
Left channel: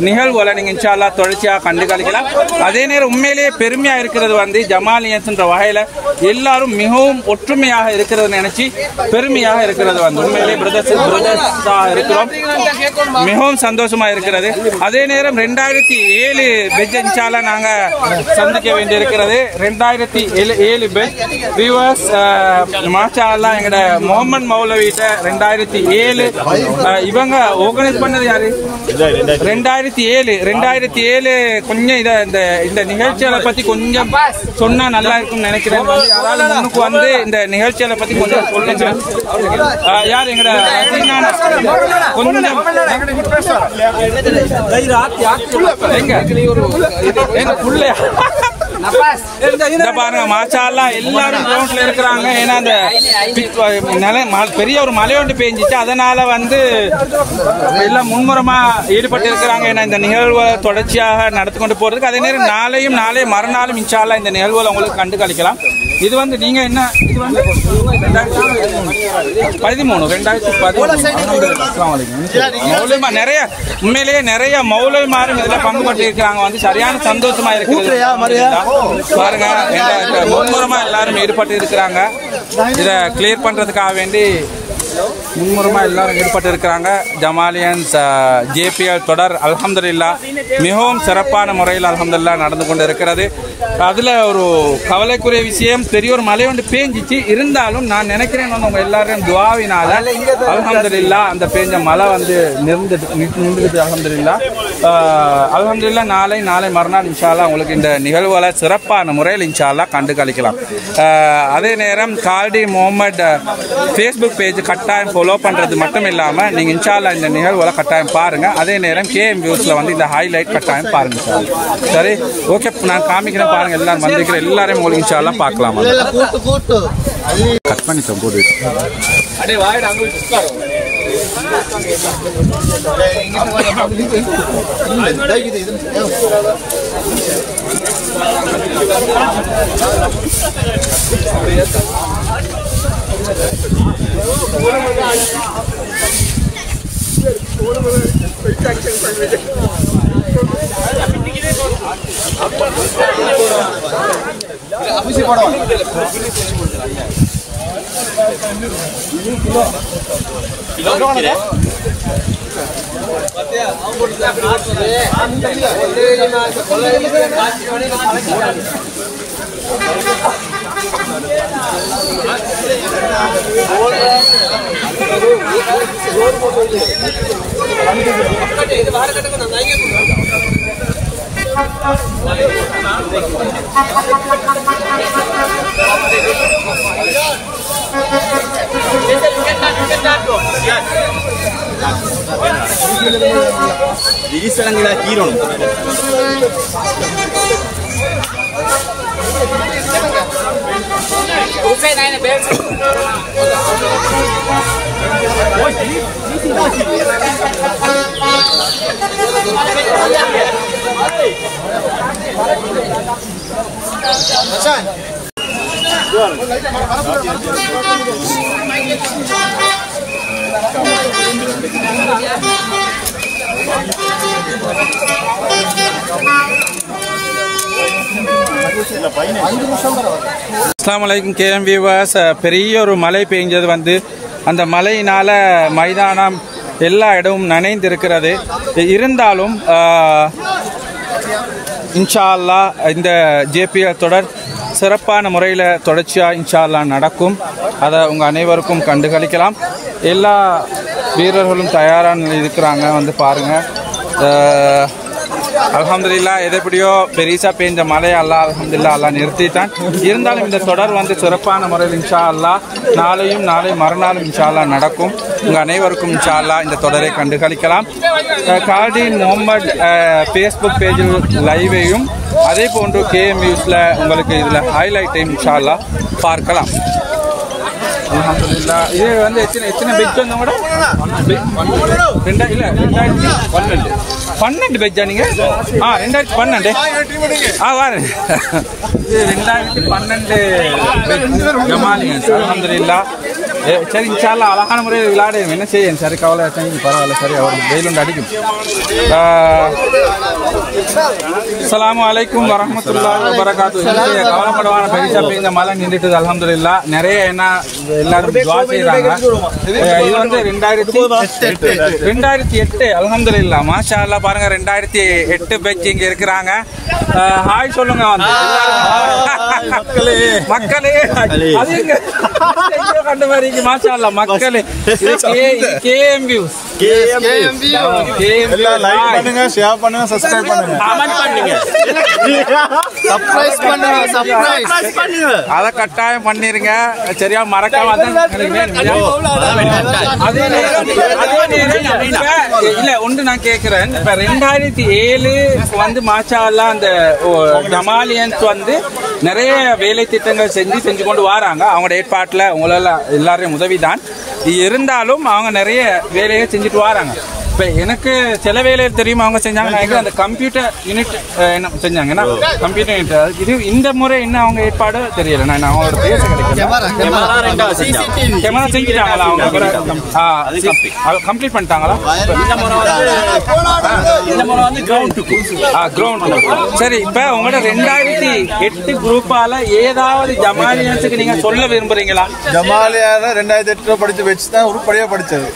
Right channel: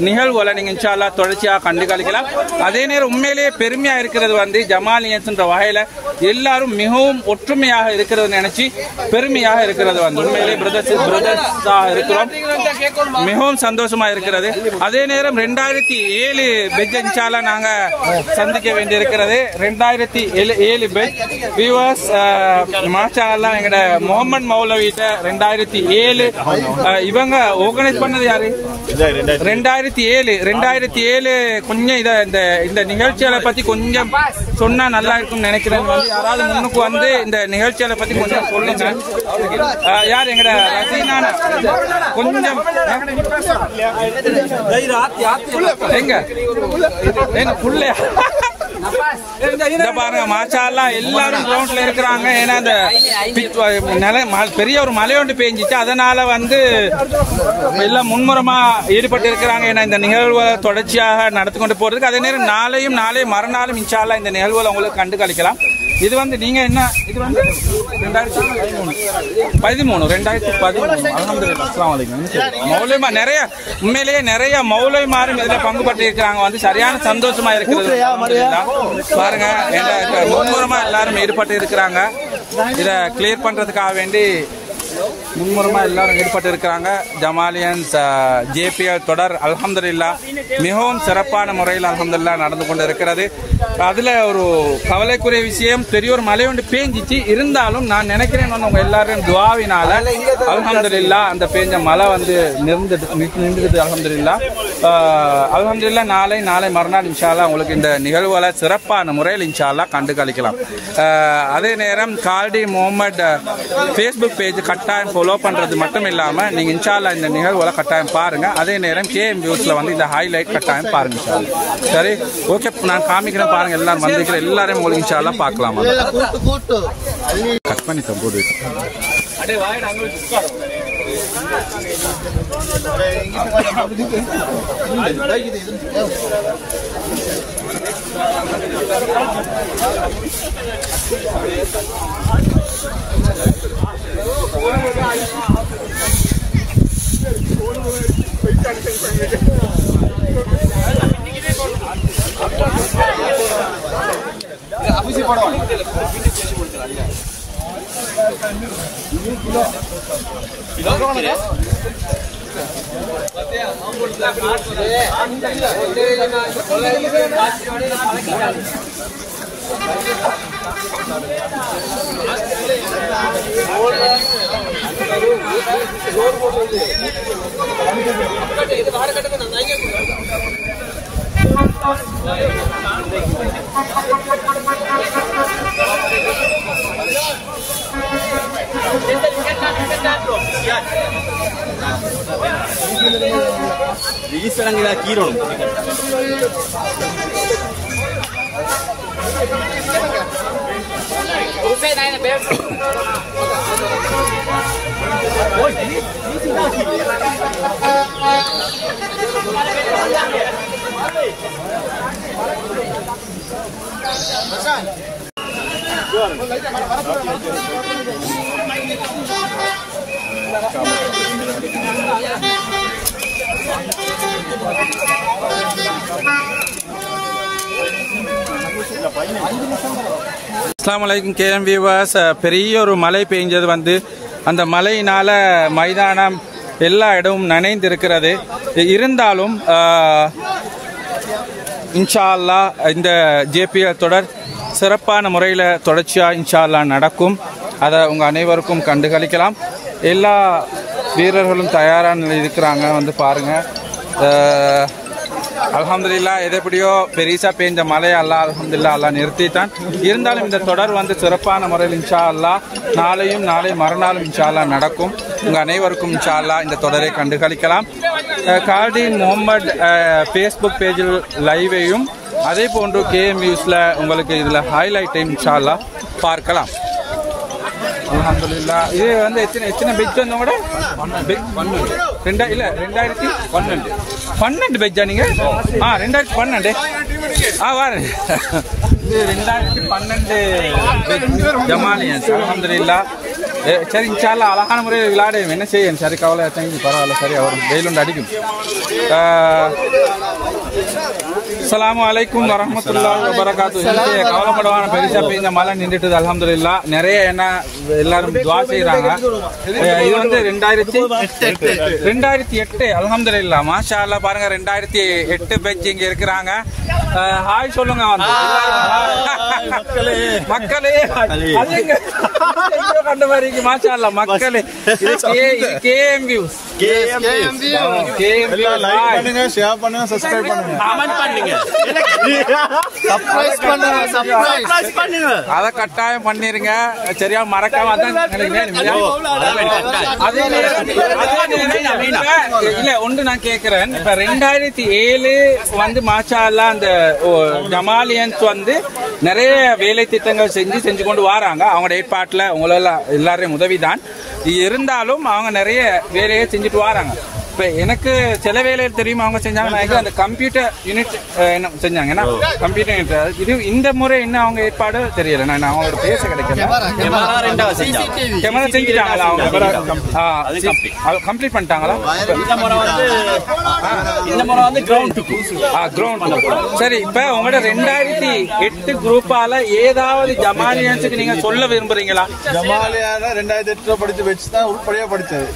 நிகழ்வுகளை நீங்க இன்ஷா அல்லா தொடர்ச்சியாக கண்டு கழிக்கலாம். அதே நேரம் உண்மையிலேயே பெருமையா இருக்கிறது வந்து ஜமாலியன்ஸ் என்ற வகையில எல்லாரும் மிகவும் ஒற்றுமையாக இருக்கிறது நினைச்சு பெருமையாக இருக்கிறது வந்து உண்மையிலேயே பிரதர்ஸாக இருக்கிறோம். மிகவும் சந்தோஷமா இருக்கிறது. அதே நேரம் 2007 பெட்ச் இன்ஷால்லா நாங்க சந்திக்க வேண்டியிருக்கிறது. 2007 பெட்ச் வியூவர்ஸ் மாஷா அல்லாஹ் எங்கட முகமது மௌலவிட்ட 2007 இவங்க ஆர்கனைஸ் பண்ணது யாரு? 2007 கொஞ்சம் இந்த நிகழ்ச்சிகளை பத்தி கொஞ்சம் சொன்னா நல்லா இருக்கும்னு நினைக்கிறேன். யாராவது முன்னுக்கு வந்து இந்த நிகழ்ச்சிகளை பத்தி கொஞ்சம் சொல்லுங்க. யார் எங்கட கொஞ்சம் பாருங்க மாஷா அல்லாஹ் எல்லாரும் கிரவுண்ட்ல இருக்கிறாங்க. ஏன்னா அந்த பெரிய ஒரு மழை ஒன்று பெஞ்சிச்சு, அதனால வந்து எல்லாம் மும்முரமா ஈடுபட்டு இருக்கிறாங்க. ஏன்னா இந்த நிகழ்வை தொடர்ச்சியாக நடத்தி கொண்டு போறதுக்கு. அதே நேரம் நாளை மறுநாளும் இன்ஷா அல்லாஹ் இந்த நிகழ்வுகளை உங்களுக்கு கண்டு கழிக்கலாம். இது வந்து நீங்க என்ன இது வந்து 2013 நிறைய உண்மையிலேயே நிறைய மௌலவிமாரும் இதுல பங்கு பற்றி இருக்கிறாங்க. வந்து சரியான சந்தோஷமா இருக்கிறது பாருங்க. மும்முரமா எல்லாரும் ஈடுபட்டு இருக்கிறாங்க. இதை கிளியர் பண்றதுக்காக வேண்டி முன்முறமா எல்லாரும் ஈடுபட்டு இருக்கிறாங்க. ஜமாலியன்ஸ் JPL தொடர் அல்ஹம்துலில்லாஹ் மிகவும் சிறப்பான முறையில் அல்ஹம்துலில்லாஹ் நடந்து கொண்டு இருக்கிறது. அதுல ஒரு கவலைக்குரிய விஷயம், பெரிய ஒரு மழை வந்து பேஞ்சிச்சு. இருந்தாலும் நான் நினைக்கிறேன் உங்க எல்லாரும் துஆவினால அல்ஹம்துலில்லாஹ் அந்த பேஞ்ச மழை வந்து நின்றுது. அல்ஹம்துலில்லாஹ் நாளை மறுநாள் இன்ஷா அல்லாஹ் உங்களுக்கு இந்த நிகழ்வுகளை சிறப்பான முறையில் இன்ஷா அல்லாஹ் கண்டு கழிக்கலாம். அதே நேரம் கால்டி முகமது ஃபேஸ்புக் பேஜ் கட்டாயம் ஃபாலோ பண்றது மட்டும் இல்லாம நீங்க இன்ஷா அல்லாஹ் இந்த நிகழ்வுகளை கட்டாயம் பாருங்க. அதே நேரம் KM வியூஸ்ல வந்து இந்த ஹைலைட் கட்டாயம் பாருங்க. சரி, ஓகே, நான் காமிக்கிறேன் பாருங்க. எல்லாரும் வந்திருக்கிற எல்லாரையும் உங்களுக்கு இன்ஷா அல்லாஹ் பார்க்கலாம். கட் பண்ணி போடு. அடே வாயிட அங்க உட்காரு. அஸ்ஸலாமு அலைக்கும் KM வியூவர்ஸ். பெரிய ஒரு மழை பெய்ஞ்சது வந்து அந்த மழையினால மைதானம் எல்லா இடமும் நனைந்திருக்கிறது. இருந்தாலும் இன்ஷா அல்லாஹ் இந்த JPL தொடர் சிறப்பான முறையில் தொடர்ச்சியாக இன்ஷா அல்லாஹ் நடக்கும். அதை உங்கள் அனைவருக்கும் கண்டுகளிக்கலாம். எல்லா வீரர்களும் தயாராக இருக்கிறாங்க, வந்து பாருங்கள். அல்ஹம்துலில்லாஹ் எதைப்படியோ பெரிசா பெய்ஞ்ச மழையை அல்ஹம்துலில்லாஹ் அல்லாஹ் நிறுத்திட்டான். இருந்தாலும் இந்த தொடர் வந்து சிறப்பான முறையில் இன்ஷா அல்லாஹ் நாளை மறுநாளும் இன்ஷா அல்லாஹ் நடக்கும். உங்கள் அனைவருக்கும் இன்ஷா அல்லாஹ் இந்த தொடரை கண்டுகளிக்கலாம். கால்டி முகமது ஃபேஸ்புக் பேஜில் லைவையும் அதே போன்று KM நியூஸில் உங்களுக்கு இதில் ஹைலைட்டையும் இன்ஷா அல்லாஹ் பார்க்கலாம். அல்ஹம்துலில்லாஹ் இது வந்து எத்தனை பெட்ஜ் வந்து கூட 2012 பெட்ஜா நீங்க 2012 வாரு இது 2012 ஜமாலியன்ஸ். அல்ஹம்துலில்லாஹ் சரி, இன்ஷா அல்லாஹ் அழகான முறையில் விளையாடு என்ன செய்யும். சரி, கவலை பரவாயில்ல. சரி, அவர் வெயிலுண்டு அடிக்கும். அஸ்ஸலாமு அலைக்கும் வரஹ்மத்துல்லாஹி வபரகாத்துஹு. கவலைப்படவான பெரிசா பெய்ந்த மழை நின்றுட்டு அல்ஹம்துலில்லாஹ். நிறைய என்ன எல்லாரும் துஆ செய்றாங்க. இது வந்து 2008 அல்ஹம்துலில்லாஹ் மாஷா அல்லாஹ். பாருங்க 2008 பேட்ச் இங்க இருக்கிறாங்க. ஹாய் சொல்லுங்க வந்து மக்களே. அதுங்க கண்ட மாதிரி மாஷா அல்லாஹ் மக்களே. KM வியூஸ் பண்ணுங்க, ஷேர் பண்ணுங்க, சப்ஸ்கிரைப் பண்ணுங்க, கமெண்ட் பண்ணுங்க, சர்ப்ரைஸ் பண்ணுங்க. அத கட்டாயம் பண்ணிருங்க. சரியா, மறக்காம இல்ல ஒன்று நான் கேட்கிறேன். இப்ப 2007 வந்து மாஷா அல்லாஹ் அந்த ஜமாலியன்ஸ் வந்து நிறைய வேலை திட்டங்கள் செஞ்சு கொண்டு வராங்க. அவங்களோட ஏற்பாட்டுல உங்களால எல்லாரையும் உதவிதான். இருந்தாலும் அவங்க நிறைய வேலையை செஞ்சுட்டு வராங்க. இப்போ எனக்கு சில வேலையில் தெரியும் அவங்க செஞ்சாங்க. அந்த கம்ப்யூட்டர் யூனிட் என்ன செஞ்சாங்கன்னா கம்ப்யூட்டர் யூனிட் இது இந்த முறை என்ன அவங்க ஏற்பாடு தெரியல. நான் அவங்க பேச கிடைக்கும். கேமரா செஞ்சுட்டாங்களா அவங்க? கம்ப்ளீட் பண்ணிட்டாங்களா? இந்த முறை வந்து கிரவுண்ட். சரி, இப்போ உங்களோட 2008 குரூப்பால ஏதாவது ஜமாலியன்ஸுக்கு நீங்க சொல்ல விரும்புறீங்களா? ஜமாலியான 2008 படிச்ச வச்சு தான் உருப்படியா படிச்சது.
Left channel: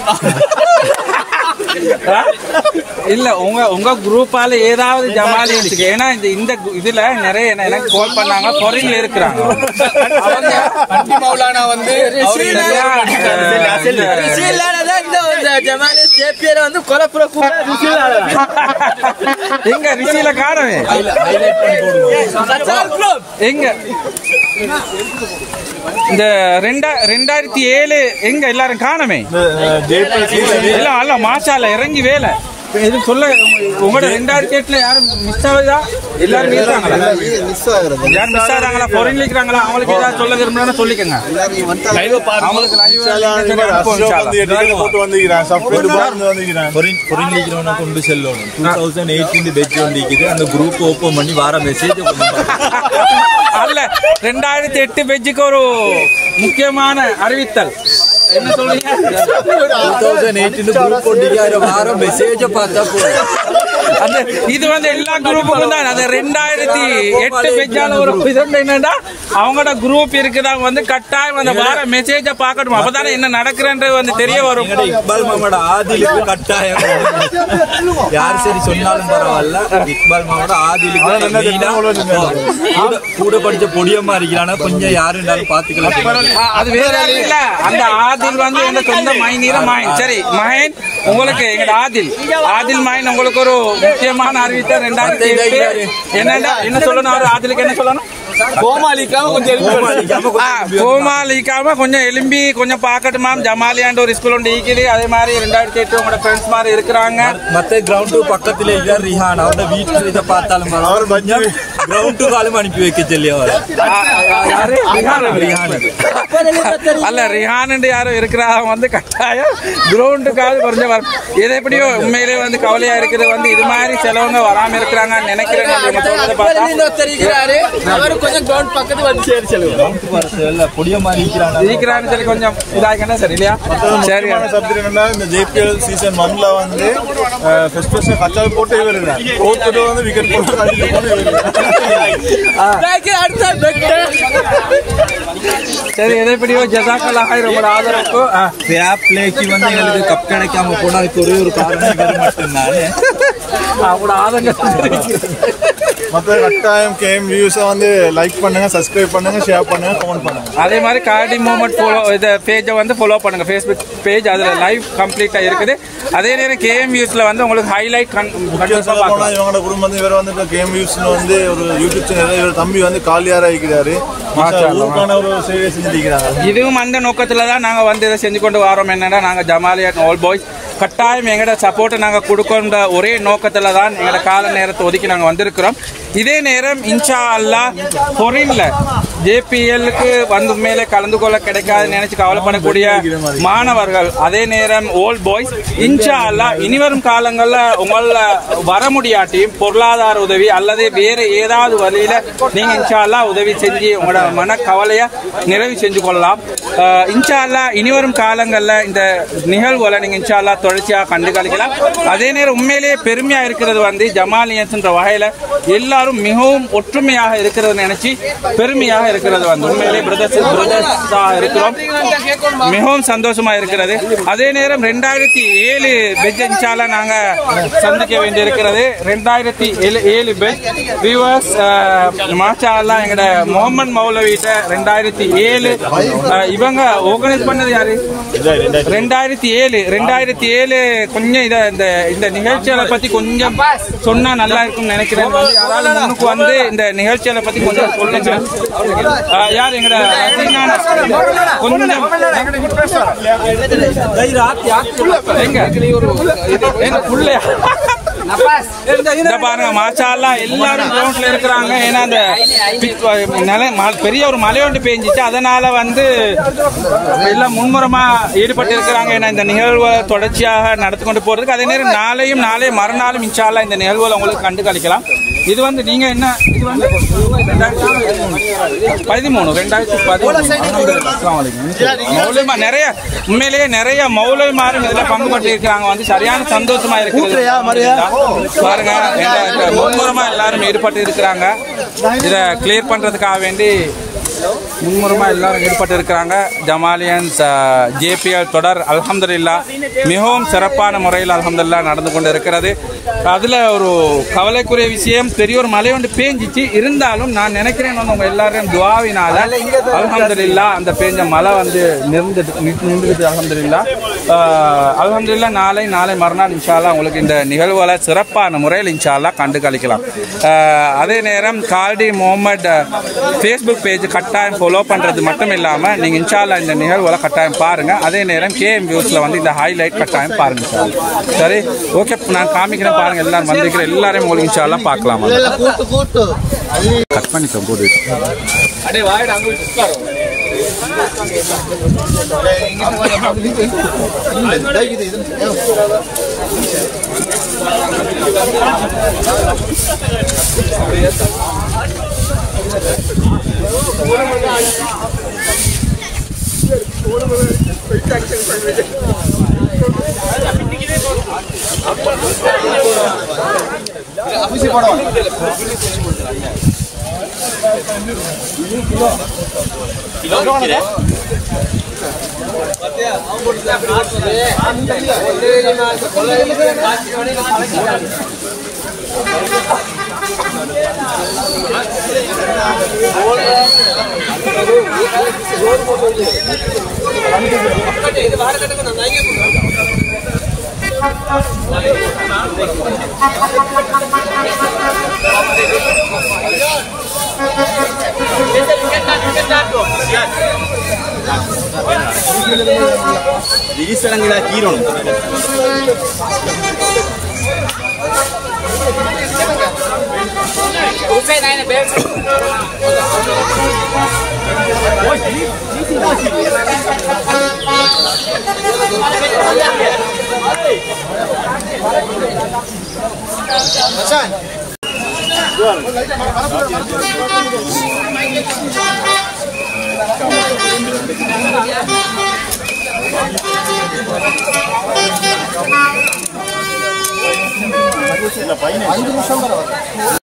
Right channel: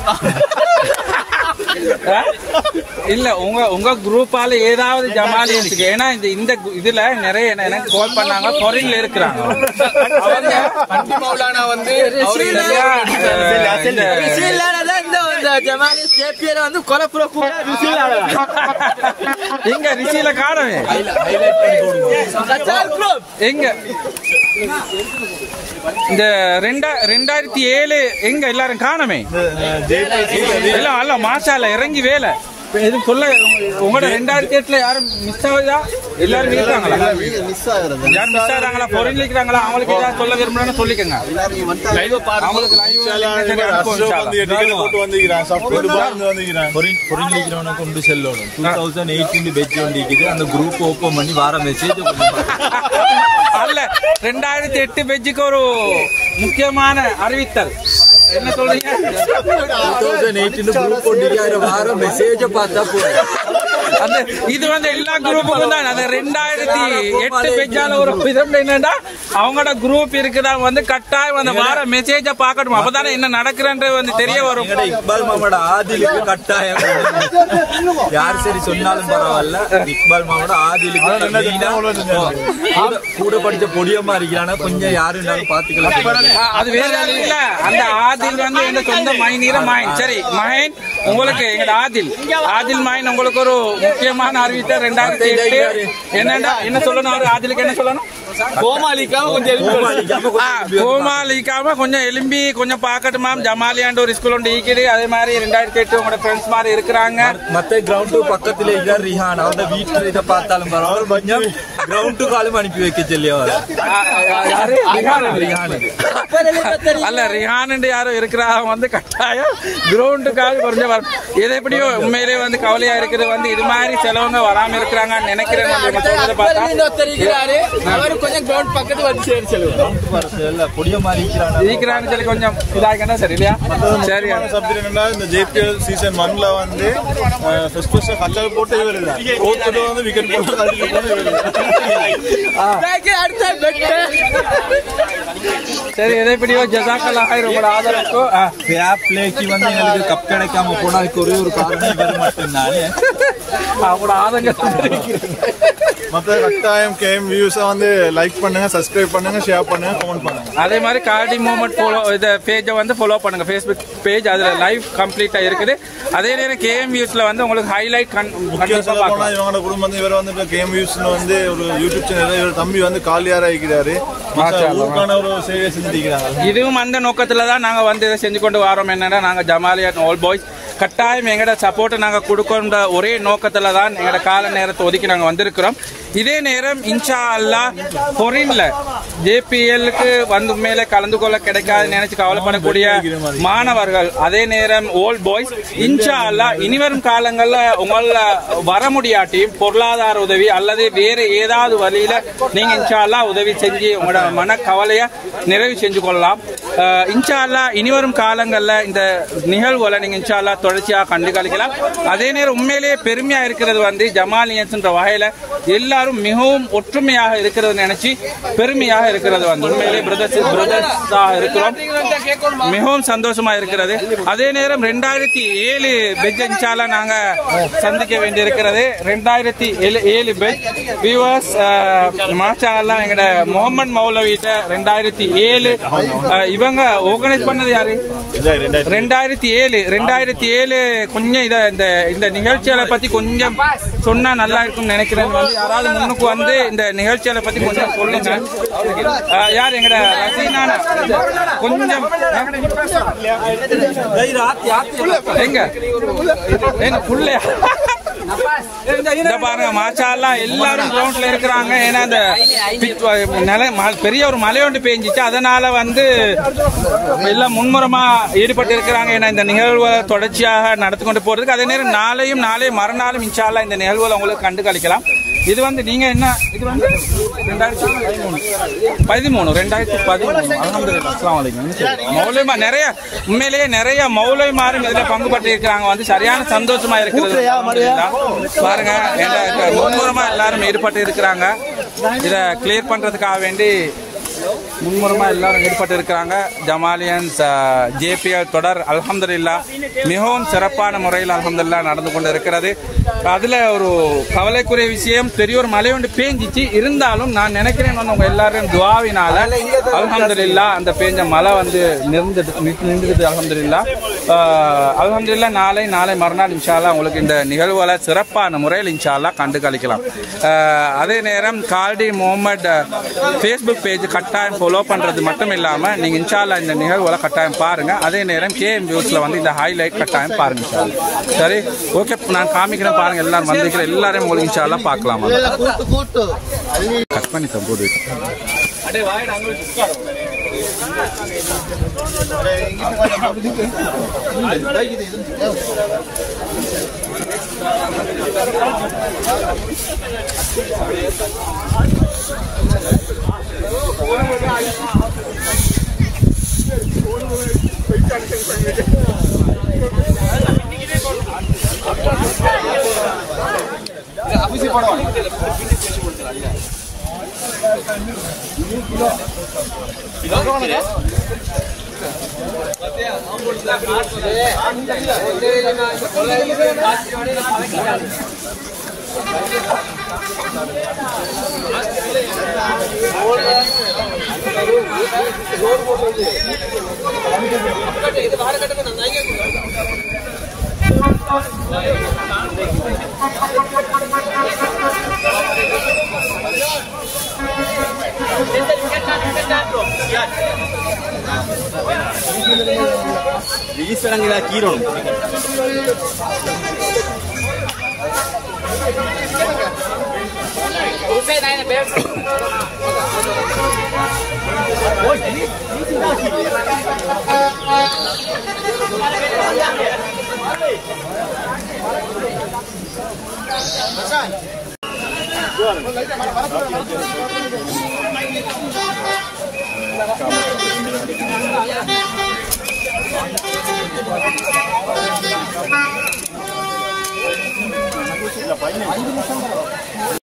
இல்ல உங்க குரூப்பால ஏதாவது ஜமாலி இருக்கு. ஏன்னா இந்த இதுல நிறைய எனக்கு கால் பண்ணாங்க, ஃபாரின்ல இருக்கிறாங்க. வந்து எங்க ரிஷியில காணவே எங்க இந்த 2007 எங்க எல்லாரும் காணமே இல்ல அல்ல மாஷால இறங்கி வேலை இது சொல்ல. உங்களோட 2008 யாரும் மிஸ் ஆகுதா? எல்லாரும் யாரும் மிஸ் ஆகுறாங்களா? ஃபாரின்ல இருக்கிறாங்களா? அவங்களுக்கு ஏதாவது சொல்ல விரும்புறேன்னு சொல்லிக்கங்க. அவங்களுக்கு கொண்டு செல்லணும். 2018 பெட்ஜ் வந்திருக்குது. அந்த குரூப் ஓபன் பண்ணி வார மெசேஜ் அல்ல 2008 பெட்ஜுக்கு ஒரு முக்கியமான அறிவித்தல் என்ன சொல்றீங்க? 2018 வாரம் மெசேஜ் பார்த்தா இது வந்து எல்லா குரூப்புக்கும் தான். அது 2008 பெட்ஜால ஒரு என்னன்னா அவங்களோட குரூப் இருக்குதா வந்து கட்டாயம் அந்த வார மெசேஜ பாக்கணும். அப்பதானே என்ன நடக்குறன்றது வந்து தெரிய வரும். இக்பால் மாமாவோட ஆதிலுக்கு கட்டாயம் யார் சரி சொன்னாலும் பரவாயில்ல. இக்பால் மாமாவோட ஆதிலுக்கு கூட படிச்ச பொடியமா இருக்கிறானா கொஞ்சம் யாருன்னாலும் பாத்துக்கலாம். அது வேற இல்ல. அந்த ஆதில் வந்து என்ன சொந்த மைனீர மாயின். சரி மகன் உங்களுக்கு எங்க ஆதில் மாயின் உங்களுக்கு ஒரு முக்கியமான அறிவித்த 2008 என்ன சொல்லணும்? ஆதிலுக்கு என்ன சொல்லணும்? கோமாளிக்காம கொஞ்சம் எலும்பி கொஞ்சம் பாக்கட்டுமா. ஜமாலியாண்ட ஒரு ஸ்கூல் ஒன்று ஈக்குது. அதே மாதிரி 2008 உங்களோட ஃப்ரெண்ட்ஸ் மாதிரி இருக்கிறாங்க. மத்த கிரவுண்டு பக்கத்துல இருக்கார் ரிஹான். அவரோட வீட்டுல இதை பார்த்தாலும் கிரவுண்டு காலம் அனுப்பி வைக்க சொல்லி அல்ல ரிஹான் யாரும் இருக்கிறாங்க வந்து கட்டாயம் கிரவுண்டுக்காக கொஞ்சம் வரும். இது எப்படியோ உண்மையிலே வந்து கவலையா இருக்கிறது வந்து இது மாதிரி சிலவங்க வராம இருக்கிறாங்க நினைக்கிறேன். பக்கத்து வந்து சொல்லி கொஞ்சம் இதாகிட்டா சரி இல்லையா? சரி இந்த JPL சீசன் 1ல வந்து ஃபர்ஸ்ட் கச்சால் போட்டே வருது. போட்டுட்டு வந்து விக்கெட் சரி எதைப்படியோ ஜஸாக்கல்லாஹ் ரொம்ப ஆதரவுக்கும் ஃபேர் பிளேக்கு வந்து எங்களுக்கு கப் கிடைக்காம போனதுக்கு ஒரே ஒரு காரணம் இவர் மட்டும்தானே. அவங்களோட ஆதங்கம் மற்ற கட்டாயம் கேம் வியூஸை வந்து லைக் பண்ணுங்க, சப்ஸ்கிரைப் பண்ணுங்க, ஷேர் பண்ணுங்க, கமெண்ட் பண்ணுங்க. அதே மாதிரி கார்டி மூமெண்ட் ஃபாலோ இந்த பேஜை வந்து ஃபாலோ பண்ணுங்க. ஃபேஸ்புக் பேஜ் அதுல லைவ் கம்ப்ளீட்டா இருக்குது. அதே நேரம் கேம் வியூஸ்ல வந்து உங்களுக்கு ஹைலைட் இவங்களோட குடும்பம் வந்து இவர் வந்து கேம் வியூஸ்னு வந்து ஒரு யூடியூப் சேனல் தம்பி வந்து காலியாரா இருக்கிறாரு. ஒரு சேவை செஞ்சிருக்கிறாங்க. இதுவும் அந்த நோக்கத்துல தான் நாங்க வந்து இதை செஞ்சு கொண்டு வரோம். என்னன்னா நாங்க ஜமாலியாட் ஆல் பாய்ஸ் கட்டாயம் எங்களோட சப்போர்ட்டை நாங்க கொடுக்கின்ற ஒரே நோக்கத்துல தான் எங்களோட கால நேரத்தை ஒதுக்கி நாங்க வந்திருக்கிறோம். இதே நேரம் இன்ஷா அல்லாஹ் ஃபாரின்ல JPLக்கு வந்து மேலே கலந்து கொள்ள கிடைக்காது நினைச்சு கவலைப்படக்கூடிய மாணவர்கள், அதே நேரம் ஓல்ட் பாய்ஸ் இன்ஷா அல்லாஹ் இனிவரும் காலங்கள்ல உங்கள வர முடியாட்டியும் பொருளாதார உதவி அல்லது வேற ஏதாவது வழியில நீங்க இன்ஷா அல்லாஹ் உதவி செஞ்சு உங்களோட மன கவலைய நிறைவு செஞ்சு கொள்ளலாம். இன்ஷா அல்லாஹ் இனிவரும் காலங்கள்ல இந்த நிகழ்வுகளை நீங்க இன்ஷா அல்லாஹ் தொடர்ச்சியாக கண்டு கழிக்கலாம். அதே நேரம் உண்மையிலேயே பெருமையா இருக்கிறது வந்து ஜமாலியன்ஸ் என்ற வகையில எல்லாரும் மிகவும் ஒற்றுமையாக இருக்கிறது நினைச்சு பெருமையாக இருக்கிறது வந்து உண்மையிலே பிரதர்ஸாக இருக்கிறோம். மிகவும் சந்தோஷமா இருக்கிறது. அதே நேரம் 2007 பெட்ஜ் இன்ஷால்லா நாங்க சந்திக்க வேண்டி இருக்கிறது. 2007 பெட்ஜ் வியூவர்ஸ் மாஷா அல்லாஹ் எங்கட முகமது மௌலவிட்ட 2007 இவங்க ஆர்கனைஸ் பண்ணது யாரு? 2007 கொஞ்சம் இந்த நிகழ்ச்சிகளை பத்தி கொஞ்சம் சொன்னா நல்லா இருக்கும் நினைக்கிறேன். யாராவது முன்னுக்கு வந்து இந்த நிகழ்ச்சிகளை பத்தி கொஞ்சம் சொல்லுங்க. யார் எங்கட கொஞ்சம் பாருங்க மாஷா அல்லாஹ் எல்லாரும் கிரவுண்ட்ல இருக்கிறாங்க. ஏன்னா அந்த பெரிய ஒரு மழை ஒன்று பெஞ்சிச்சு, அதனால வந்து எல்லாம் முன்முறமா ஈடுபட்டு இருக்கிறாங்க. ஏன்னா இந்த நிகழ்வை தொடர்ச்சியாக நடத்தி கொண்டு போறதுக்கு. அதே நேரம் நாளை மறுநாளும் இன்ஷா அல்லாஹ் இந்த நிகழ்வுகளை உங்களுக்கு கண்டு கழிக்கலாம். இது வந்து நீங்க என்ன இது வந்து 2013 நிறைய உண்மையிலேயே நிறைய மௌலவிமாரும் இதுல பங்கு பற்றி இருக்கிறாங்க. வந்து சரியான சந்தோஷமா இருக்கிறது பாருங்க. முன்முறமா எல்லாரும் ஈடுபட்டு இருக்கிறாங்க. இதை கிளியர் பண்றதுக்காக வேண்டி மும்முரமாக எல்லாரும் ஈடுபட்டு இருக்கிறாங்க. ஜமாலியன்ஸ் ஜேபிஎல் தொடர் அல்ஹம்துலில்லாஹ் மிகவும் சிறப்பான முறையில் அல்ஹம்துலில்லாஹ் நடந்து கொண்டு இருக்கிறது. அதில் ஒரு கவலைக்குரிய விஷயம், பெரிய ஒரு மழை ஒன்று பேஞ்சிச்சு. இருந்தாலும் நான் நினைக்கிறேன் உங்க எல்லாரும் துவாவினால அல்ஹம்துலில்லாஹ் அந்த பேஞ்ச மழை வந்து நின்றுது. அல்ஹம்துலில்லாஹ் நாளை மறுநாள் இன்ஷா அல்லாஹ் உங்களுக்கு இந்த நிகழ்வுகளை சிறப்பான முறையில் இன்ஷா அல்லாஹ் கண்டு கழிக்கலாம். அதே நேரம் கால்டி முகமது ஃபேஸ்புக் பேஜ் கட்டாயம் ஃபாலோ பண்றது மட்டும் இல்லாம நீங்க இன்ஷா அல்லாஹ் இந்த நிகழ்வுகளை கட்டாயம் பாருங்க. அதே நேரம் KM வியூஸ்ல வந்து இந்த ஹைலைட் கட்டாயம் பாருங்க. சரி, ஓகே, நான் காமிக்கிறேன் பாருங்க. எல்லாரும் வந்திருக்கிற எல்லாரையும் உங்களுக்கு இன்ஷா அல்லாஹ் பார்க்கலாம். கட் பண்ணிக்க போது இல்ல 5 நிமிஷம்